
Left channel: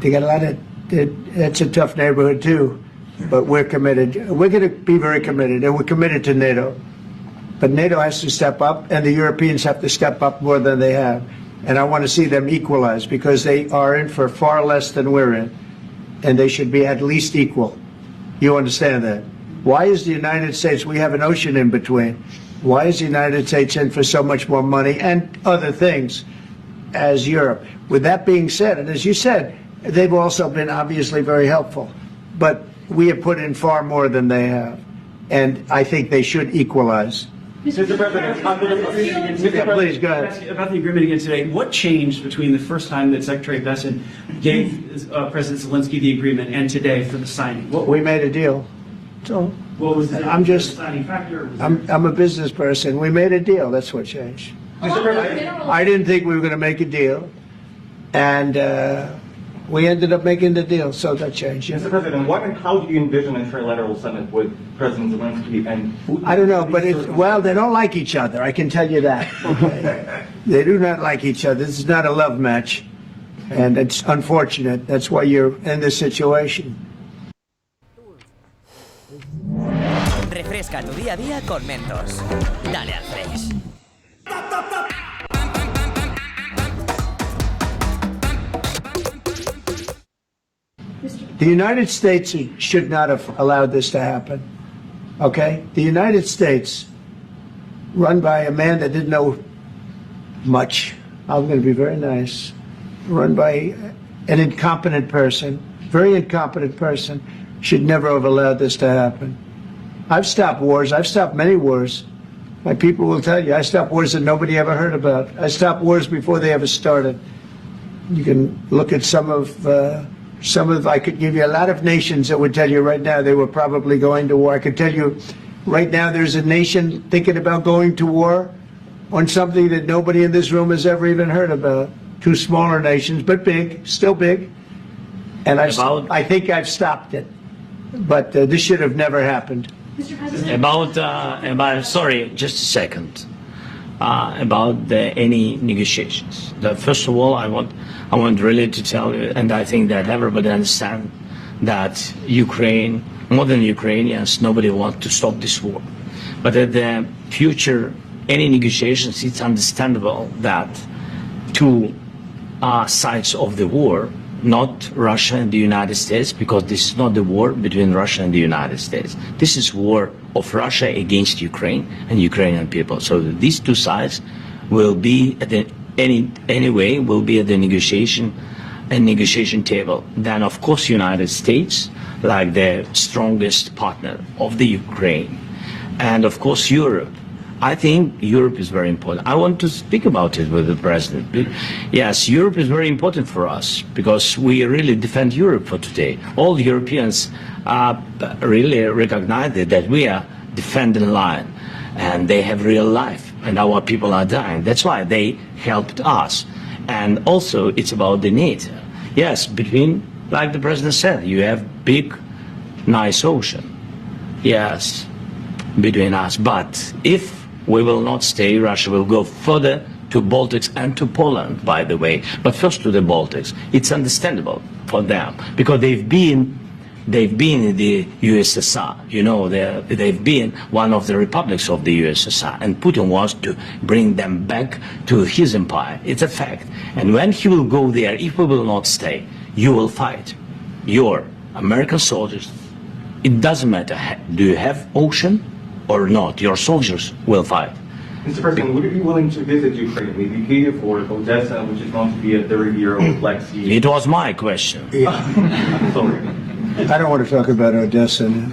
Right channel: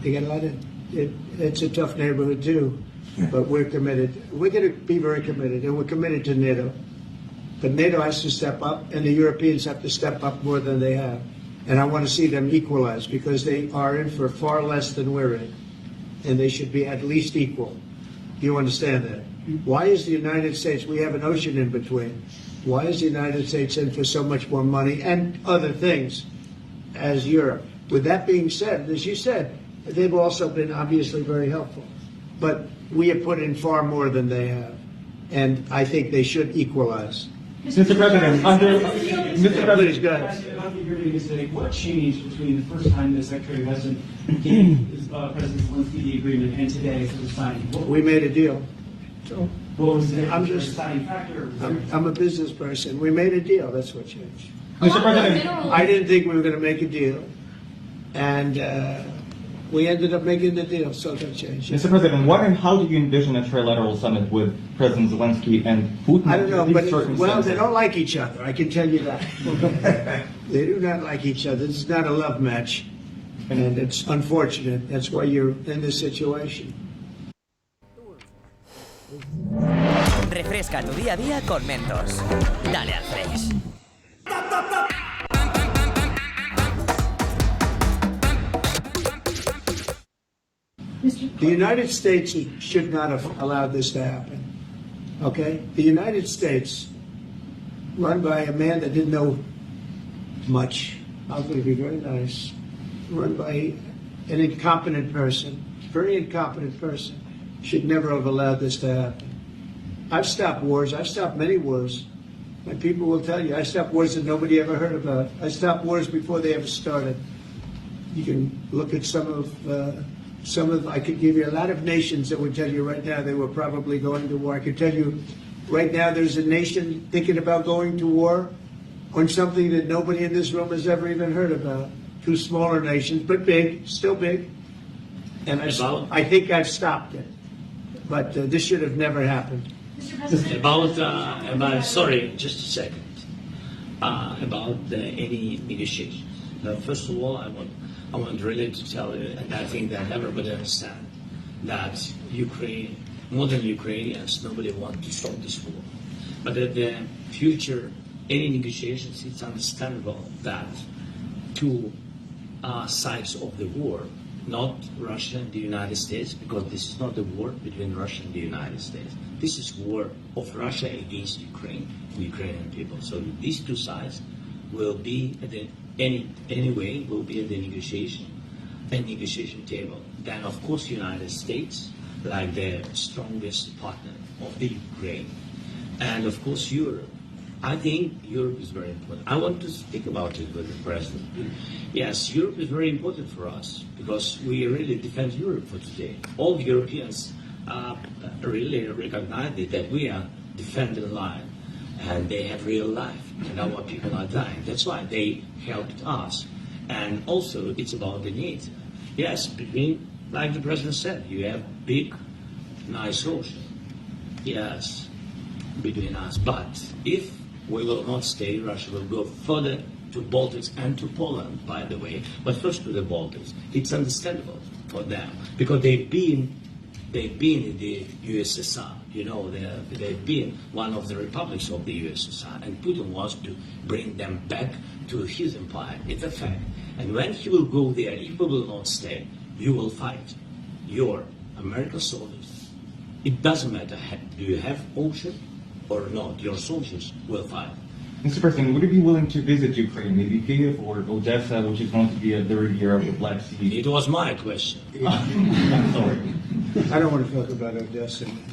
they got a lot of, it's a tough neighborhood too, but we're committed. We're going to be very committed, and we're committed to NATO. But NATO has to step up, and the Europeans have to step up more than they have. And I want to see them equalize, because they are in for far less than we're in, and they should be at least equal. You understand that? Why is the United States, we have an ocean in between, why is the United States in for so much more money and other things as Europe? With that being said, and as you said, they've also been obviously very helpful, but we have put in far more than they have, and I think they should equalize. Mr. President, Please, go ahead. ask you about the agreement again today. What changed between the first time that Secretary Bessent gave President Zelensky the agreement and today for the signing? We made a deal. So What was the I'm just, deciding factor? I'm a business person. We made a deal. That's what changed. Mr. President, I didn't think we were going to make a deal, and we ended up making the deal, so that changed. Mr. President, what and how do you envision a trilateral summit with President Zelensky and Putin? I don't know, but well, they don't like each other. I can tell you that. They do not like each other. This is not a love match, and it's unfortunate. That's why you're in this situation. Refresca tu día a día con Mentos. Dale al fresh. The United States should not have allowed this to happen. Okay? The United States, run by a man that didn't know much, I'm going to be very nice, run by an incompetent person, very incompetent person, should never have allowed this to happen. I've stopped wars. I've stopped many wars. My people will tell you, I stopped wars that nobody ever heard about. I stopped wars before they ever started. You can look at some of, I could give you a lot of nations that would tell you right now they were probably going to war. I could tell you right now there's a nation thinking about going to war on something that nobody in this room has ever even heard about. Two smaller nations, but big, still big. And I think I've stopped it. But this should have never happened. About sorry, just a second. About any negotiations. First of all, I want really to tell you, and I think that everybody understands that Ukraine, more than Ukrainians, nobody wants to stop this war. But at the future, any negotiations, it's understandable that two sides of the war, not Russia and the United States, because this is not the war between Russia and the United States. This is war of Russia against Ukraine and Ukrainian people. So these two sides will be at the anyway will be at the negotiation table. Then of course United States, like the strongest partner of the Ukraine, and of course Europe. I think Europe is very important. I want to speak about it with the President. Yes, Europe is very important for us because we really defend Europe for today. All Europeans really recognize that we are defending line and they have real life and our people are dying. That's why they helped us. And also it's about the NATO. Yes, between, like the President said, you have big, nice ocean. Yes, between us. But if we will not stay, Russia will go further to Baltics and to Poland, by the way, but first to the Baltics. It's understandable for them because they've been in the USSR. You know, they've been one of the republics of the USSR, and Putin wants to bring them back to his empire. It's a fact. And when he will go there, if we will not stay, you will fight. Your American soldiers, it doesn't matter, do you have ocean or not, your soldiers will fight. Mr. President, would you be willing to visit Ukraine, maybe Kiev or Odessa, which is going to be a third year of Black Sea? It was my question. I'm sorry. I don't want to talk about Odessa now.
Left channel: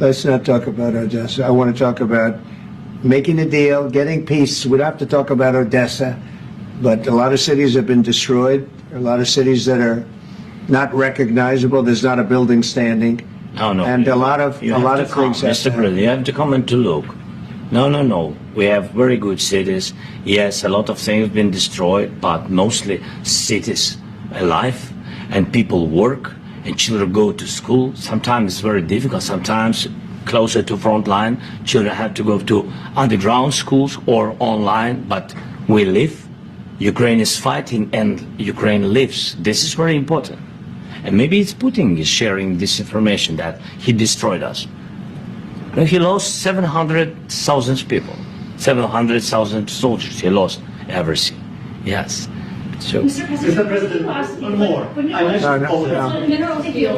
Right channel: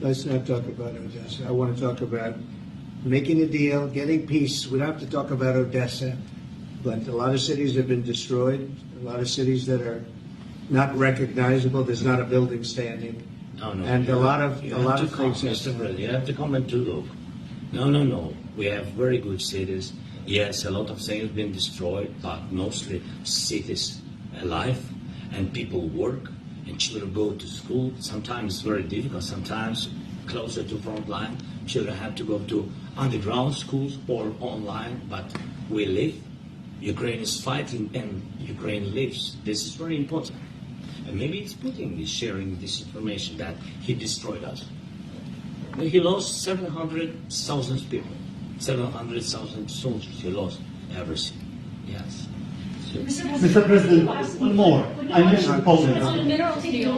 Let's not talk about Odessa. I want to talk about making a deal, getting peace. We don't have to talk about Odessa, but a lot of cities have been destroyed. There are a lot of cities that are not recognizable. There's not a building standing. No. And a lot of things. Mr. President, you have to come and to look. No. We have very good cities. Yes, a lot of things have been destroyed, but mostly cities alive, and people work, and children go to school. Sometimes it's very difficult. Sometimes closer to front line, children have to go to underground schools or online, but we live. Ukraine is fighting and Ukraine lives. This is very important. And maybe it's Putin is sharing this information that he destroyed us. No, he lost 700,000 people, 700,000 soldiers. He lost everything. Yes. So, Mr. President, one more. I mentioned Poland.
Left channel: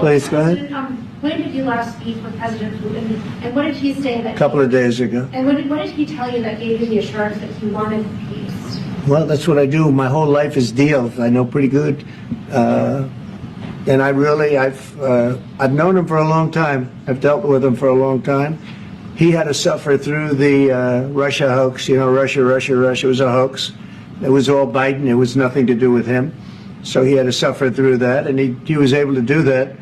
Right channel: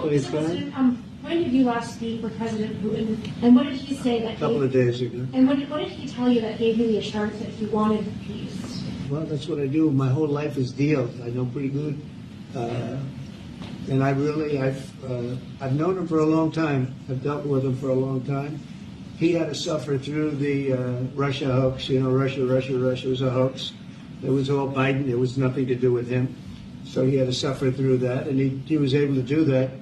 Please, go ahead. When did you last speak with President Putin, and what did he say that? A couple of days ago. And what did he tell you that gave you the assurance that he wanted peace? Well, that's what I do. My whole life is deals. I know pretty good. And I've known him for a long time. I've dealt with him for a long time. He had to suffer through the Russia hoax. You know, Russia was a hoax. It was all Biden. It was nothing to do with him. So he had to suffer through that, and he was able to do that.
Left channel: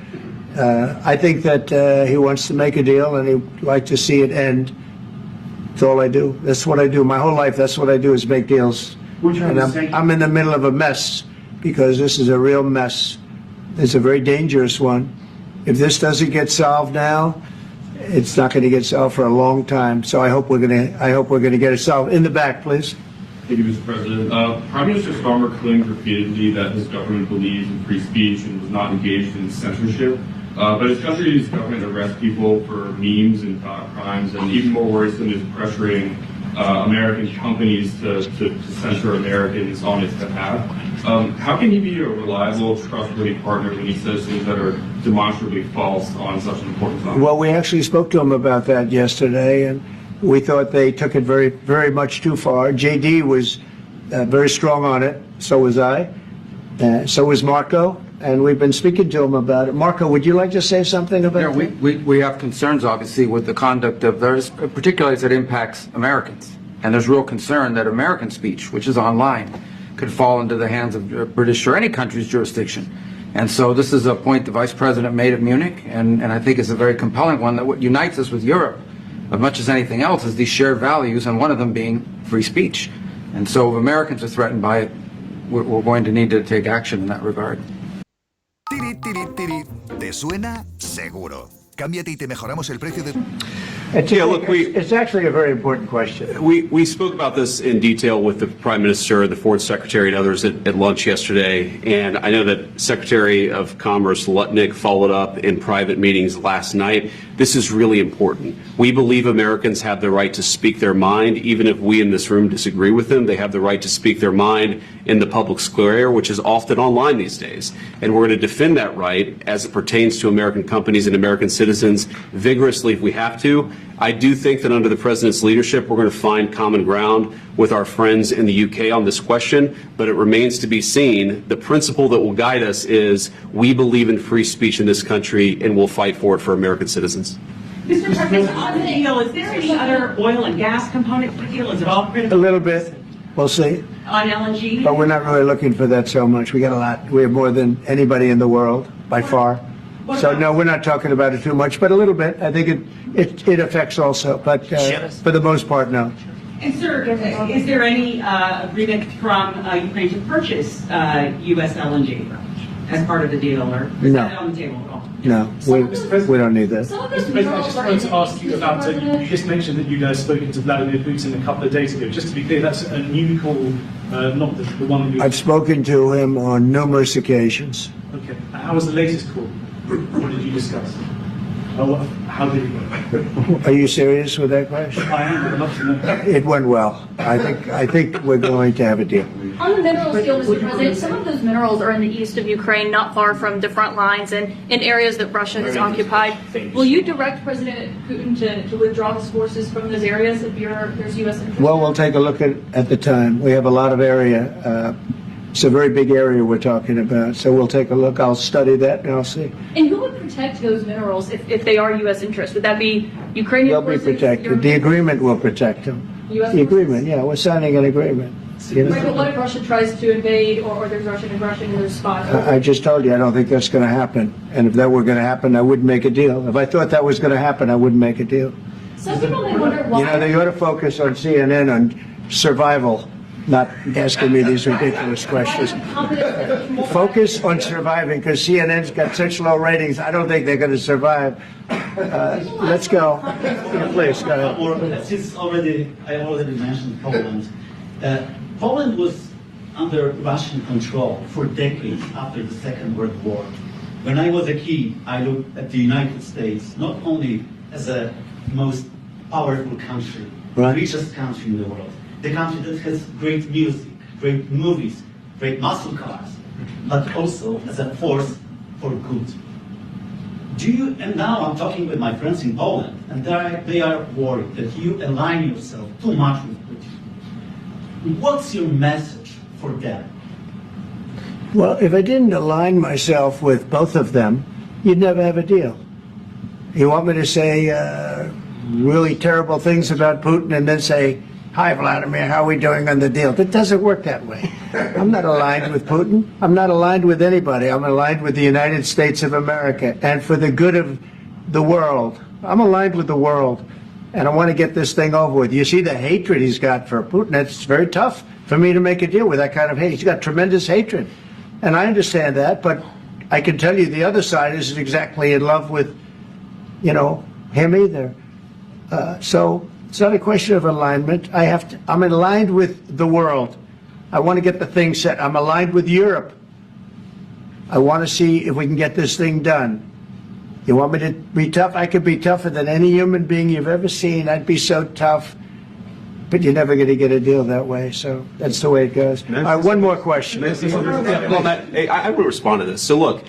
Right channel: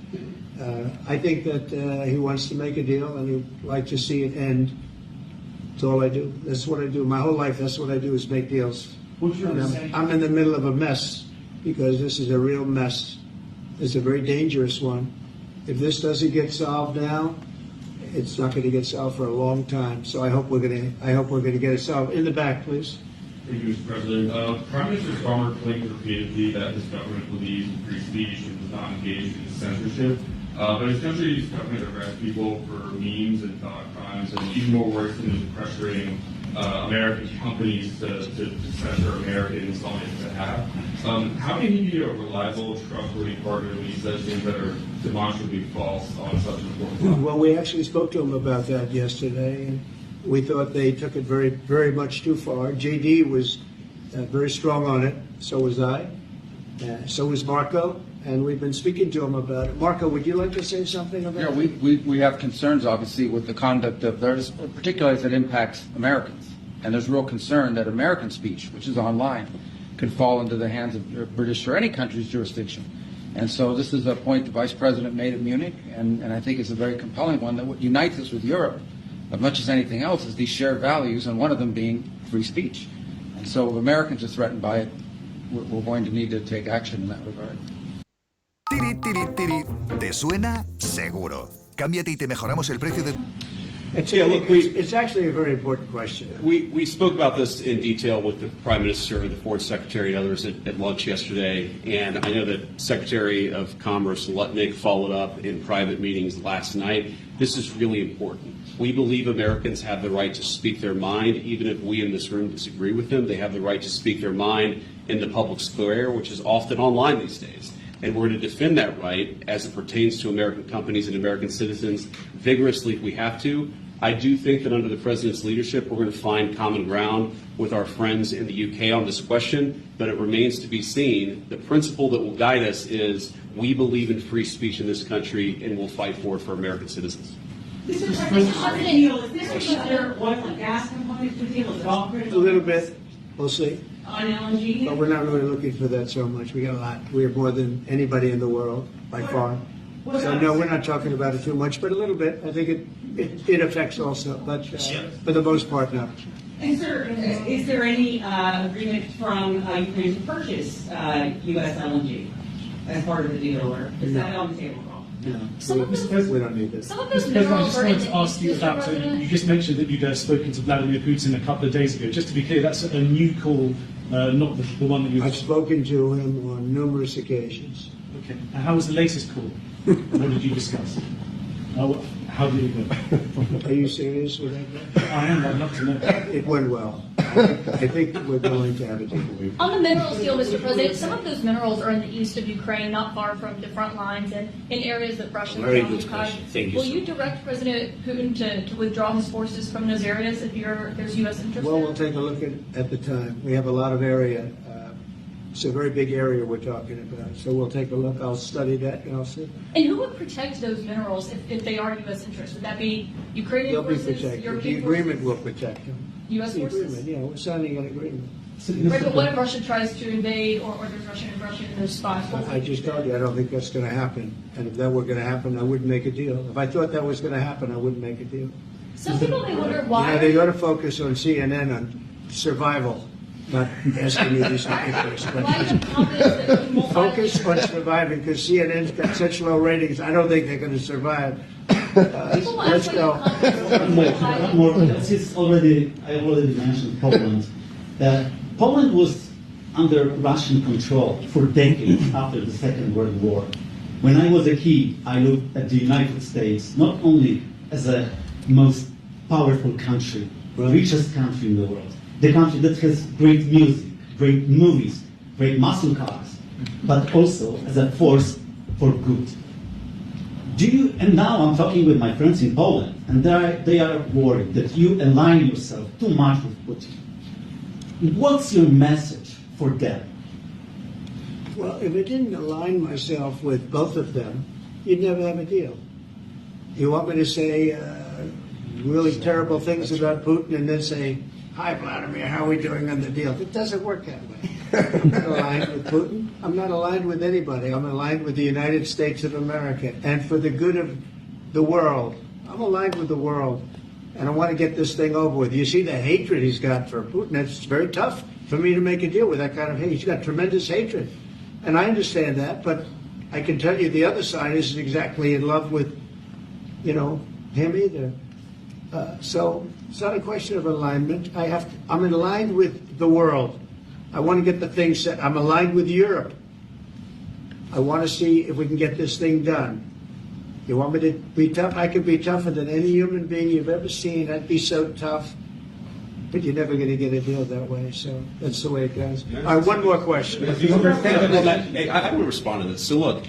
I think that he wants to make a deal, and he'd like to see it end. That's all I do. That's what I do. My whole life, that's what I do, is make deals. And I'm in the middle of a mess, because this is a real mess. It's a very dangerous one. If this doesn't get solved now, it's not going to get solved for a long time. So I hope we're going to get it solved. In the back, please. Thank you, Mr. President. Prime Minister Starmer claimed repeatedly that his government believes in free speech and was not engaged in censorship. But his country's government arrests people for memes and thought crimes, and even more worrisome is pressuring American companies to censor Americans on his behalf. How can he be a reliable, trustworthy partner when he says things that are demonstrably false on such an important topic? Well, we actually spoke to him about that yesterday, and we thought they took it very, very much too far. JD was very strong on it. So was I. So was Marco. And we've been speaking to him about it. Marco, would you like to say something about it? We have concerns, obviously, with the conduct of those, particularly as it impacts Americans. And there's real concern that American speech, which is online, could fall into the hands of British or any country's jurisdiction. And so this is a point the Vice President made at Munich, and I think it's a very compelling one, that what unites us with Europe, as much as anything else, is these shared values, and one of them being free speech. And so if Americans are threatened by it, we're going to need to take action in that regard. ¿Te suena? Seguro. Cámbiate y te mejoramos el precio de... It's actually a very important question. We spoke about this in detail with the Prime Minister, the Foreign Secretary, and others at lunch yesterday. And I know that Secretary of Commerce Lutnick followed up in private meetings last night. This is really important. We believe Americans have the right to speak their mind, even if we in this room disagree with them. They have the right to speak their mind in the public square, which is often online these days. And we're going to defend that right as it pertains to American companies and American citizens vigorously if we have to. I do think that under the President's leadership, we're going to find common ground with our friends in the UK on this question, but it remains to be seen. The principle that will guide us is we believe in free speech in this country, and we'll fight for it for American citizens. Mr. President, on the deal, is there any other oil and gas component to the deal? Is it all critical? A little bit. We'll see. On LNG? But we're not really looking for that so much. We got a lot. We have more than anybody in the world, by far. So no, we're not talking about it too much, but a little bit. I think it affects also, but for the most part, no. And sir, is there any agreement from Ukraine to purchase U.S. LNG as part of the deal, or is that on the table at all? No, we don't need that. Mr. President, I just wanted to ask you about, you just mentioned that you'd spoken to Vladimir Putin a couple of days ago. Just to be clear, that's a new call, not the one that you... I've spoken to him on numerous occasions. Okay, and how was the latest call? What did you discuss? How did it go? Are you serious with that question? I am. I'd love to know. It went well. I think we're going to have a deal. On the minerals deal, Mr. President, some of those minerals are in the east of Ukraine, not far from the front lines and in areas that Russia has occupied. Will you direct President Putin to withdraw his forces from those areas if there's U.S. interest? Well, we'll take a look at the time. We have a lot of area. It's a very big area we're talking about, so we'll take a look. I'll study that and I'll see. And who would protect those minerals if they are U.S. interests? Would that be Ukrainian They'll be protected. The agreement will protect them. U.S. The agreement, yeah, we're signing an agreement. Right, but what if Russia tries to invade or there's Russian aggression in their spots? I just told you I don't think that's going to happen. And if that were going to happen, I wouldn't make a deal. If I thought that was going to happen, I wouldn't make a deal. Some people may wonder why. You know, they ought to focus on CNN on survival. not asking me these ridiculous questions. Focus on surviving, because CNN's got such low ratings. I don't think they're going to survive. Let's go. Please, go ahead. Since I already mentioned Poland, that Poland was under Russian control for decades after the Second World War. When I was a kid, I looked at the United States not only as a most powerful country, the richest country in the world, the country that has great music, great movies, great muscle cars, but also as a force for good. And now I'm talking with my friends in Poland, and they are worried that you align yourself too much with Putin. What's your message for them? Well, if I didn't align myself with both of them, you'd never have a deal. You want me to say really terrible things about Putin and then say, "Hi, Vladimir, how are we doing on the deal?" That doesn't work that way. I'm not aligned with Putin. I'm not aligned with anybody. I'm aligned with the United States of America and for the good of the world. I'm aligned with the world, and I want to get this thing over with. You see the hatred he's got for Putin. It's very tough for me to make a deal with that kind of hate. He's got tremendous hatred, and I understand that, but I can tell you the other side isn't exactly in love with, him either. So it's not a question of alignment. I'm aligned with the world. I want to get the thing set. I'm aligned with Europe. I want to see if we can get this thing done. You want me to be tough? I could be tougher than any human being you've ever seen. I'd be so tough. But you're never going to get a deal that way. So that's the way it goes. All right, one more question. I would respond to this. So look,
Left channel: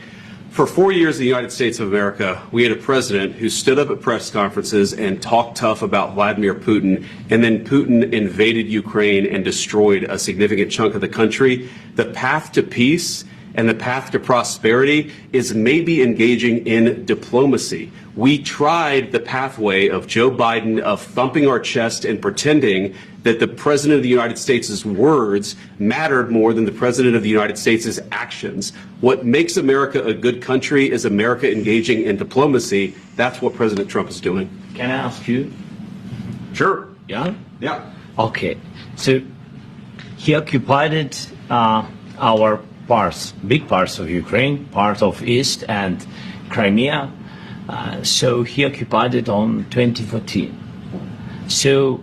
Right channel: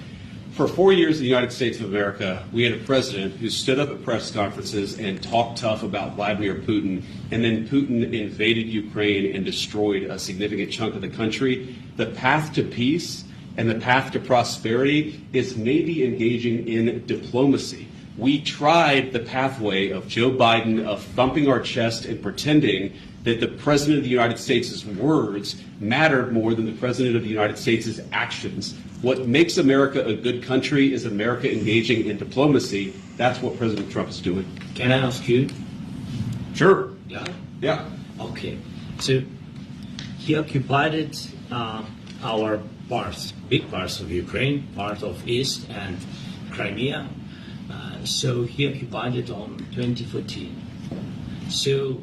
for 4 years in the United States of America, we had a president who stood up at press conferences and talked tough about Vladimir Putin, and then Putin invaded Ukraine and destroyed a significant chunk of the country. The path to peace and the path to prosperity is maybe engaging in diplomacy. We tried the pathway of Joe Biden of thumping our chest and pretending that the President of the United States' words mattered more than the President of the United States' actions. What makes America a good country is America engaging in diplomacy. That's what President Trump is doing. Can I ask you? Sure. Yeah? Yeah. Okay. So he occupied our parts, big parts of Ukraine, part of East and Crimea. So he occupied it on 2014. So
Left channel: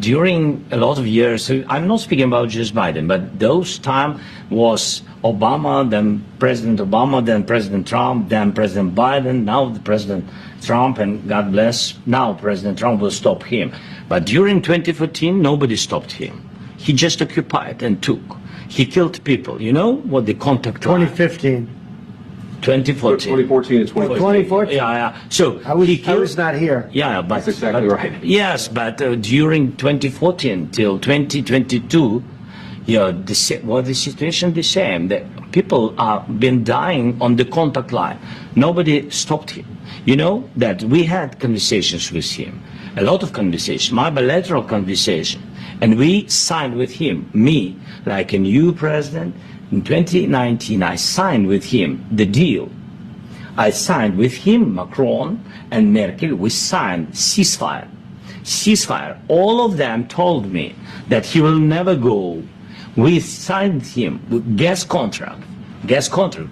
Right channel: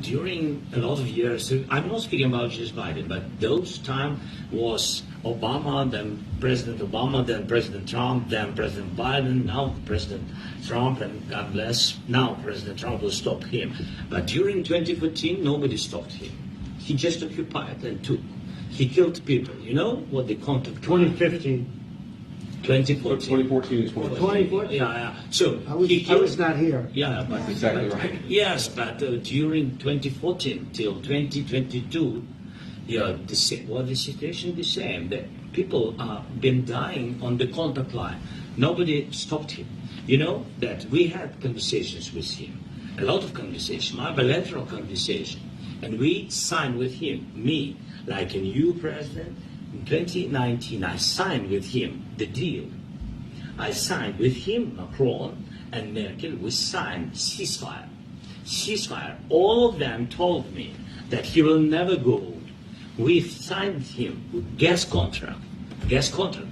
during a lot of years, so I'm not speaking about just Biden, but those time was Obama, then President Obama, then President Trump, then President Biden, now the President Trump, and God bless, now President Trump will stop him. But during 2014, nobody stopped him. He just occupied and took. He killed people. You know what the contact 2015. 2014 and 2014. 2014. Yeah. So I was not here. Yeah, but that's exactly right. Yes, but during 2014 till 2022, the situation the same. The people have been dying on the contact line. Nobody stopped him. You know that we had conversations with him, a lot of conversations, my bilateral conversation, and we signed with him, me, like a new president. In 2019, I signed with him the deal. I signed with him, Macron and Merkel, we signed ceasefire. Ceasefire. All of them told me that he will never go. We signed him with gas contract. Gas contract.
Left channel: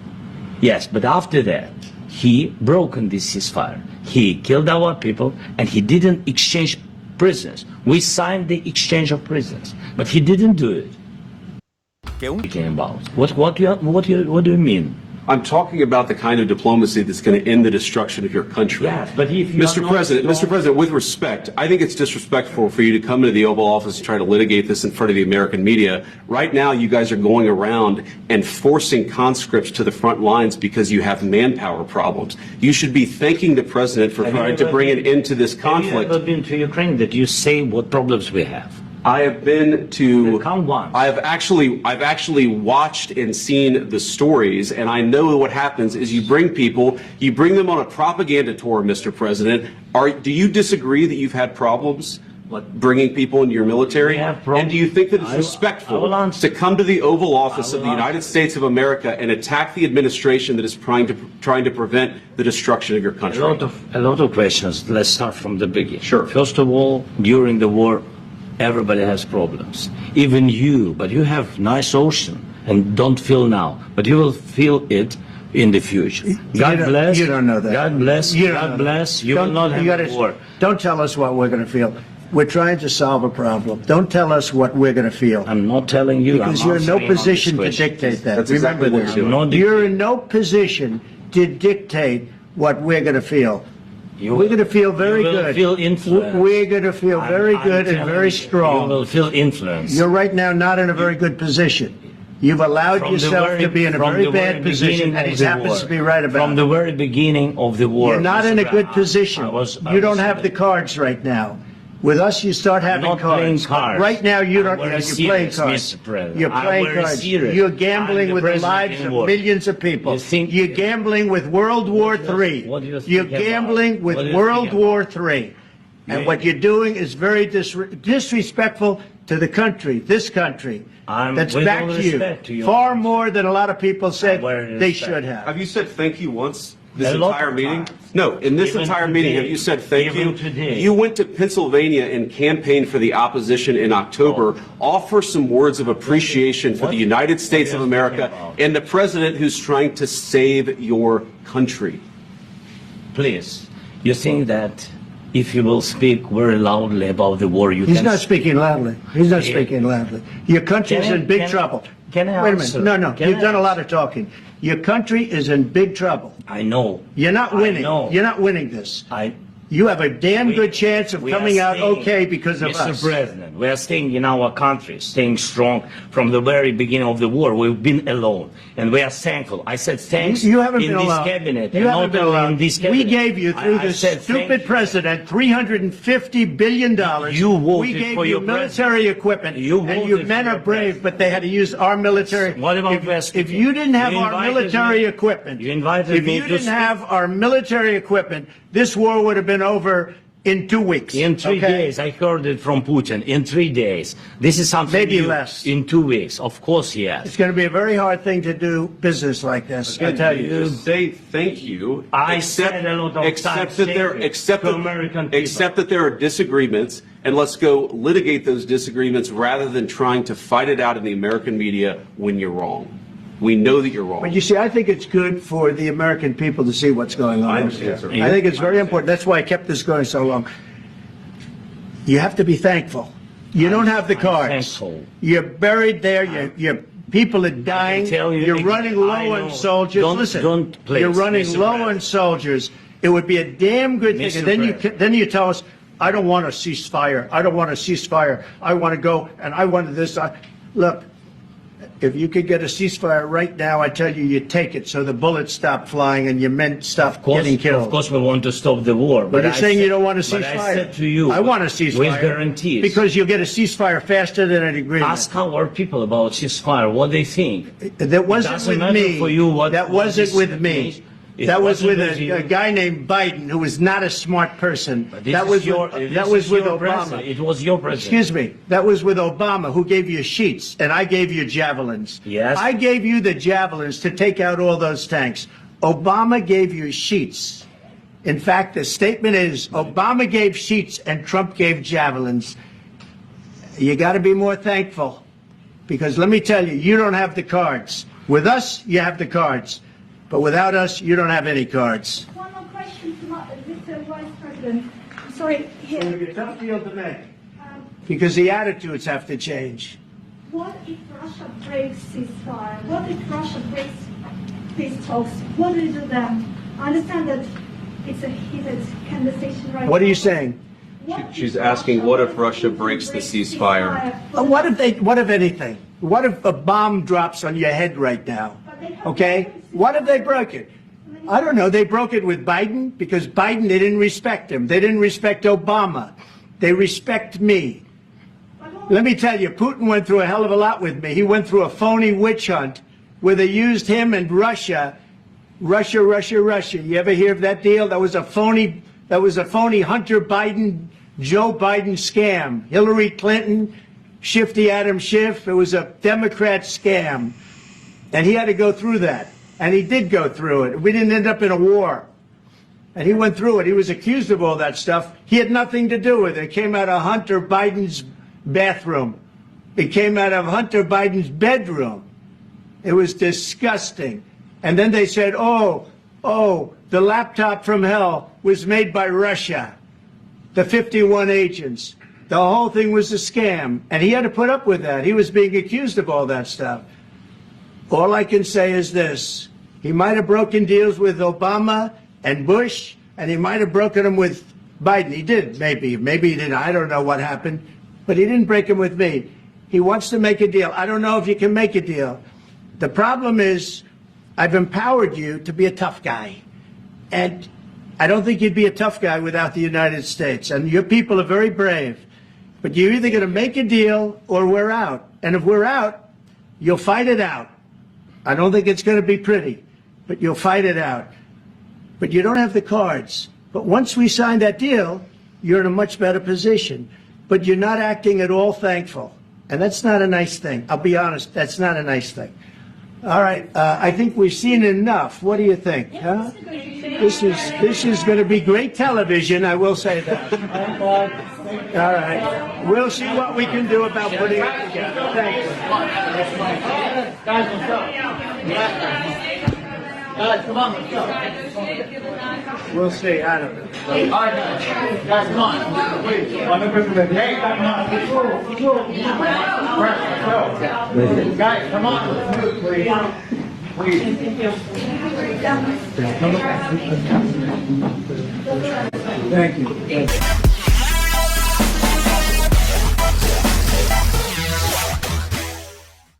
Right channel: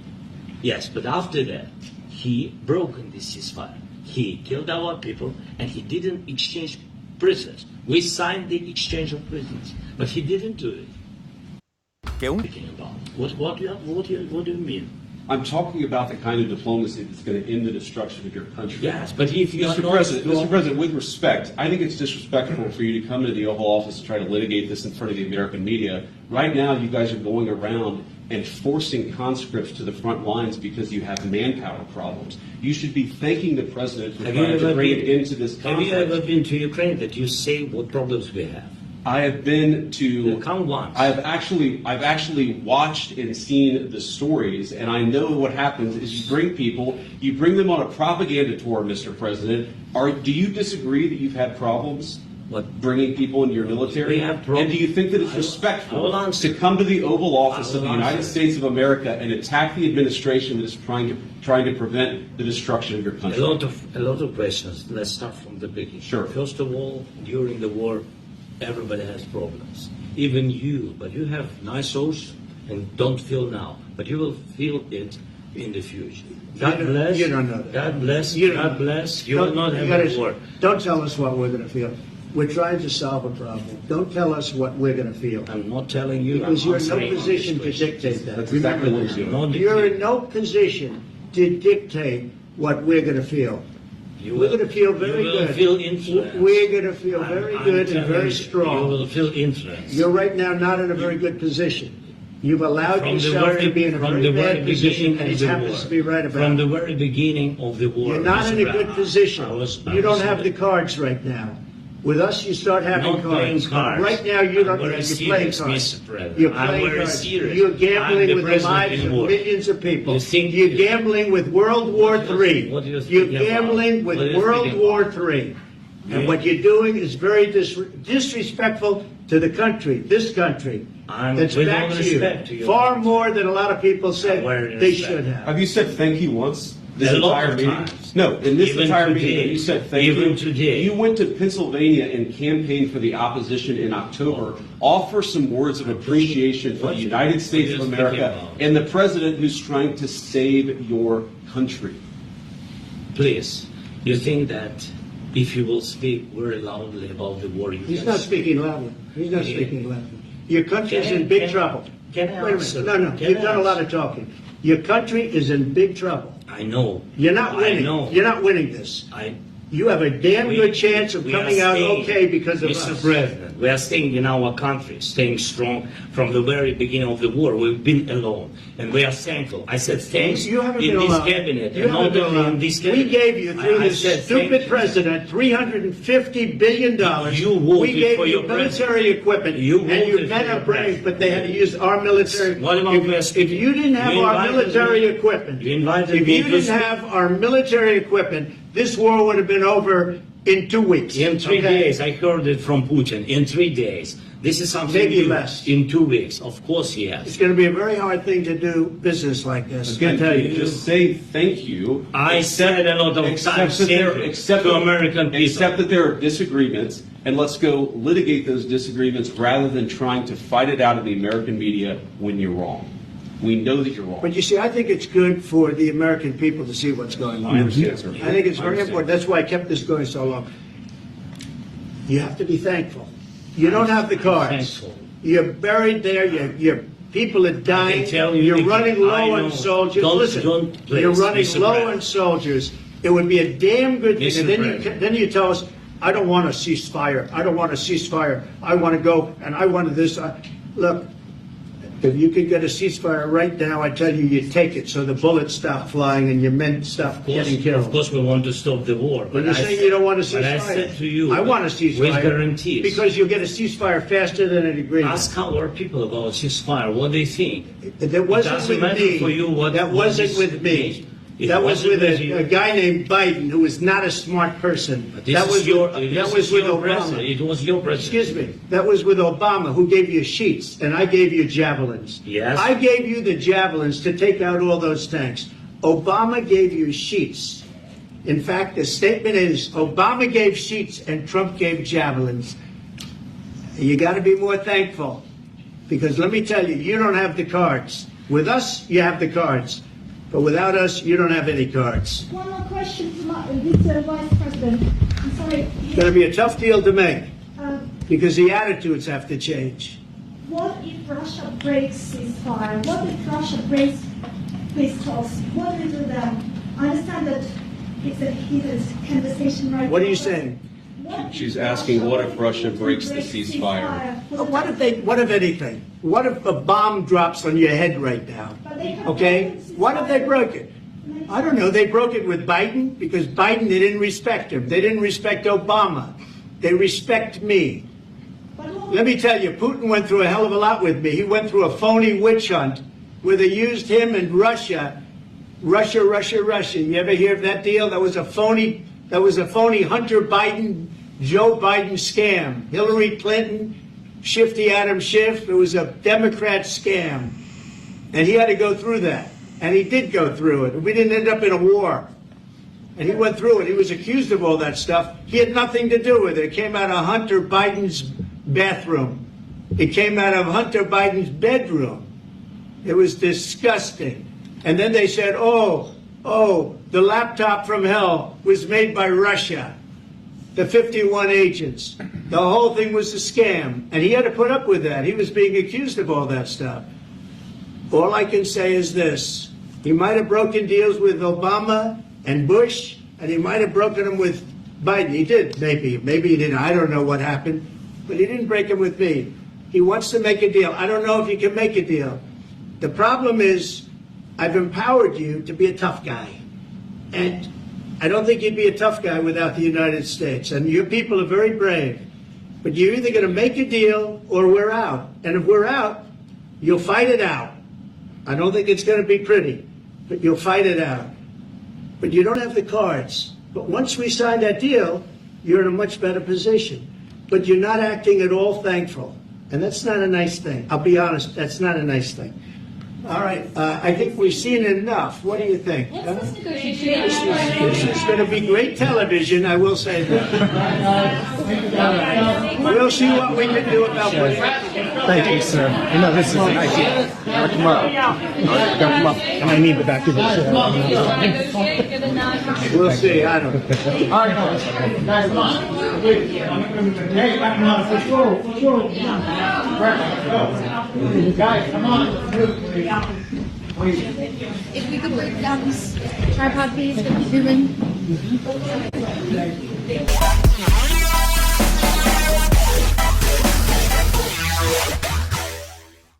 Yes, but after that, he broken this ceasefire. He killed our people and he didn't exchange prisoners. We signed the exchange of prisoners, but he didn't do it. What do you mean? I'm talking about the kind of diplomacy that's going to end the destruction of your country. Yes, but if Mr. President, with respect, I think it's disrespectful for you to come into the Oval Office and try to litigate this in front of the American media. Right now, you guys are going around and forcing conscripts to the front lines because you have manpower problems. You should be thanking the President for trying to bring an end to this conflict. Have you ever been to Ukraine that you say what problems we have? I have been to. I've actually watched and seen the stories, and I know what happens is you bring them on a propaganda tour, Mr. President. Do you disagree that you've had problems bringing people into your military? And do you think that it's respectful to come to the Oval Office of the United States of America and attack the administration that is trying to prevent the destruction of your country? A lot of questions. Let's start from the beginning. Sure. First of all, during the war, Everybody has problems. Even you, but you have nice ocean and don't feel now, but you will feel it in the future. God bless. You don't know that. God bless. God bless. You will not have a war. Don't tell us what we're going to feel. We're trying to solve a problem. Don't tell us what we're going to feel. I'm not telling you. Because you're in no position to dictate that. That's exactly what you're doing. You're in no position to dictate what we're going to feel. We're going to feel very good. You will feel influence. We're going to feel very good and very strong. You will feel influence. You're right now not in a very good position. You've allowed yourself to be in a very bad position, and he happens to be right about it. From the very beginning of the war. You're not in a good position. You don't have the cards right now. With us, you start having cards. Right now, you don't. You're playing cards. You're playing cards. You're gambling with the lives of millions of people. You're gambling with World War III. You're gambling with World War III. And what you're doing is very disrespectful to the country, this country, that's backed you far more than a lot of people say they should have. Have you said thank you once this entire meeting? No, in this entire meeting, have you said thank you? You went to Pennsylvania and campaigned for the opposition in October. Offer some words of appreciation for the United States of America and the president who's trying to save your country. Please, you think that if you will speak very loudly about the war, He's not speaking loudly. He's not speaking loudly. Your country's in big trouble. Can I Wait a minute. No, you've done a lot of talking. Your country is in big trouble. I know. You're not winning. You're not winning this. You have a damn good chance of coming out okay because of us. Mr. President, we are staying in our country, staying strong from the very beginning of the war. We've been alone, and we are thankful. I said thanks you haven't in been this alone. cabinet. You haven't been alone. This we gave you, through this stupid president, $350 billion. You voted we gave for you your military equipment, You and your men are brave, but they had to use our military. If you didn't have our military equipment, if you didn't have our military equipment, this war would have been over in 2 weeks. In 3 days, I heard it from Putin. In 3 days. This is something maybe new. Less. In 2 weeks, of course, yes. It's going to be a very hard thing to do business like this. Again, just say thank you. I said a lot of times to American people. Accept that there are disagreements, and let's go litigate those disagreements rather than trying to fight it out in the American media when you're wrong. We know that you're wrong. But you see, I think it's good for the American people to see what's going on. I think it's very important. That's why I kept this going so long. You have to be thankful. You don't have the cards. You're buried there. Your people are dying. You're running low on soldiers. Listen, you're running low on soldiers. It would be a damn good thing. And then you tell us, I don't want a ceasefire. I don't want a ceasefire. I want to go and I want this. Look. If you could get a ceasefire right now, I tell you, you take it so the bullets stop flying and your men stop getting killed. Of course, we want to stop the war. But you're saying you don't want a ceasefire. But I said to you, I want a ceasefire. With guarantees. Because you'll get a ceasefire faster than an agreement. Ask our people about ceasefire, what they think. That wasn't with me. That wasn't with me. That was with a guy named Biden, who was not a smart person. That was with Obama. It was your president. Excuse me. That was with Obama, who gave you sheets, and I gave you javelins. Yes. I gave you the javelins to take out all those tanks. Obama gave you sheets. In fact, the statement is Obama gave sheets and Trump gave javelins. You got to be more thankful, because let me tell you, you don't have the cards. With us, you have the cards. But without us, you don't have any cards. One more question to Mr. Vice President. I'm sorry. It's going to be a tough deal to make because the attitudes have to change. What if Russia breaks ceasefire? What if Russia breaks peace talks? What do you do then? I understand that it's a heated conversation right now. What are you saying? She's asking, what if Russia breaks the ceasefire? What if anything? What if a bomb drops on your head right now? Okay? What if they broke it? I don't know. They broke it with Biden because Biden, they didn't respect him. They didn't respect Obama. They respect me. Let me tell you, Putin went through a hell of a lot with me. He went through a phony witch hunt where they used him and Russia. Russia. You ever hear of that deal? That was a phony Hunter Biden, Joe Biden scam. Hillary Clinton, Shifty Adam Schiff. It was a Democrat scam. And he had to go through that. And he did go through it. We didn't end up in a war. And he went through it. He was accused of all that stuff. He had nothing to do with it. It came out of Hunter Biden's bathroom. It came out of Hunter Biden's bedroom. It was disgusting. And then they said, oh, the laptop from hell was made by Russia. The 51 agents. The whole thing was a scam. And he had to put up with that. He was being accused of all that stuff. All I can say is this. He might have broken deals with Obama and Bush, and he might have broken them with Biden. He did, maybe. Maybe he didn't. I don't know what happened. But he didn't break them with me. He wants to make a deal. I don't know if you can make a deal. The problem is, I've empowered you to be a tough guy. And I don't think you'd be a tough guy without the United States. And your people are very brave. But you're either going to make a deal or we're out. And if we're out, you'll fight it out. I don't think it's going to be pretty, but you'll fight it out. But you don't have the cards. But once we sign that deal, you're in a much better position. But you're not acting at all thankful. And that's not a nice thing. I'll be honest, that's not a nice thing. All right, I think we've seen enough. What do you think? Huh? This is going to be great television, I will say that. All right. We'll see what we can do about putting it together. Thank you, sir. You know, this is nice. Come up. Come up. And I need the back of the We'll see. I don't know. All right, guys, come on. Wait. Hey, guys, come on. Move, please. Please.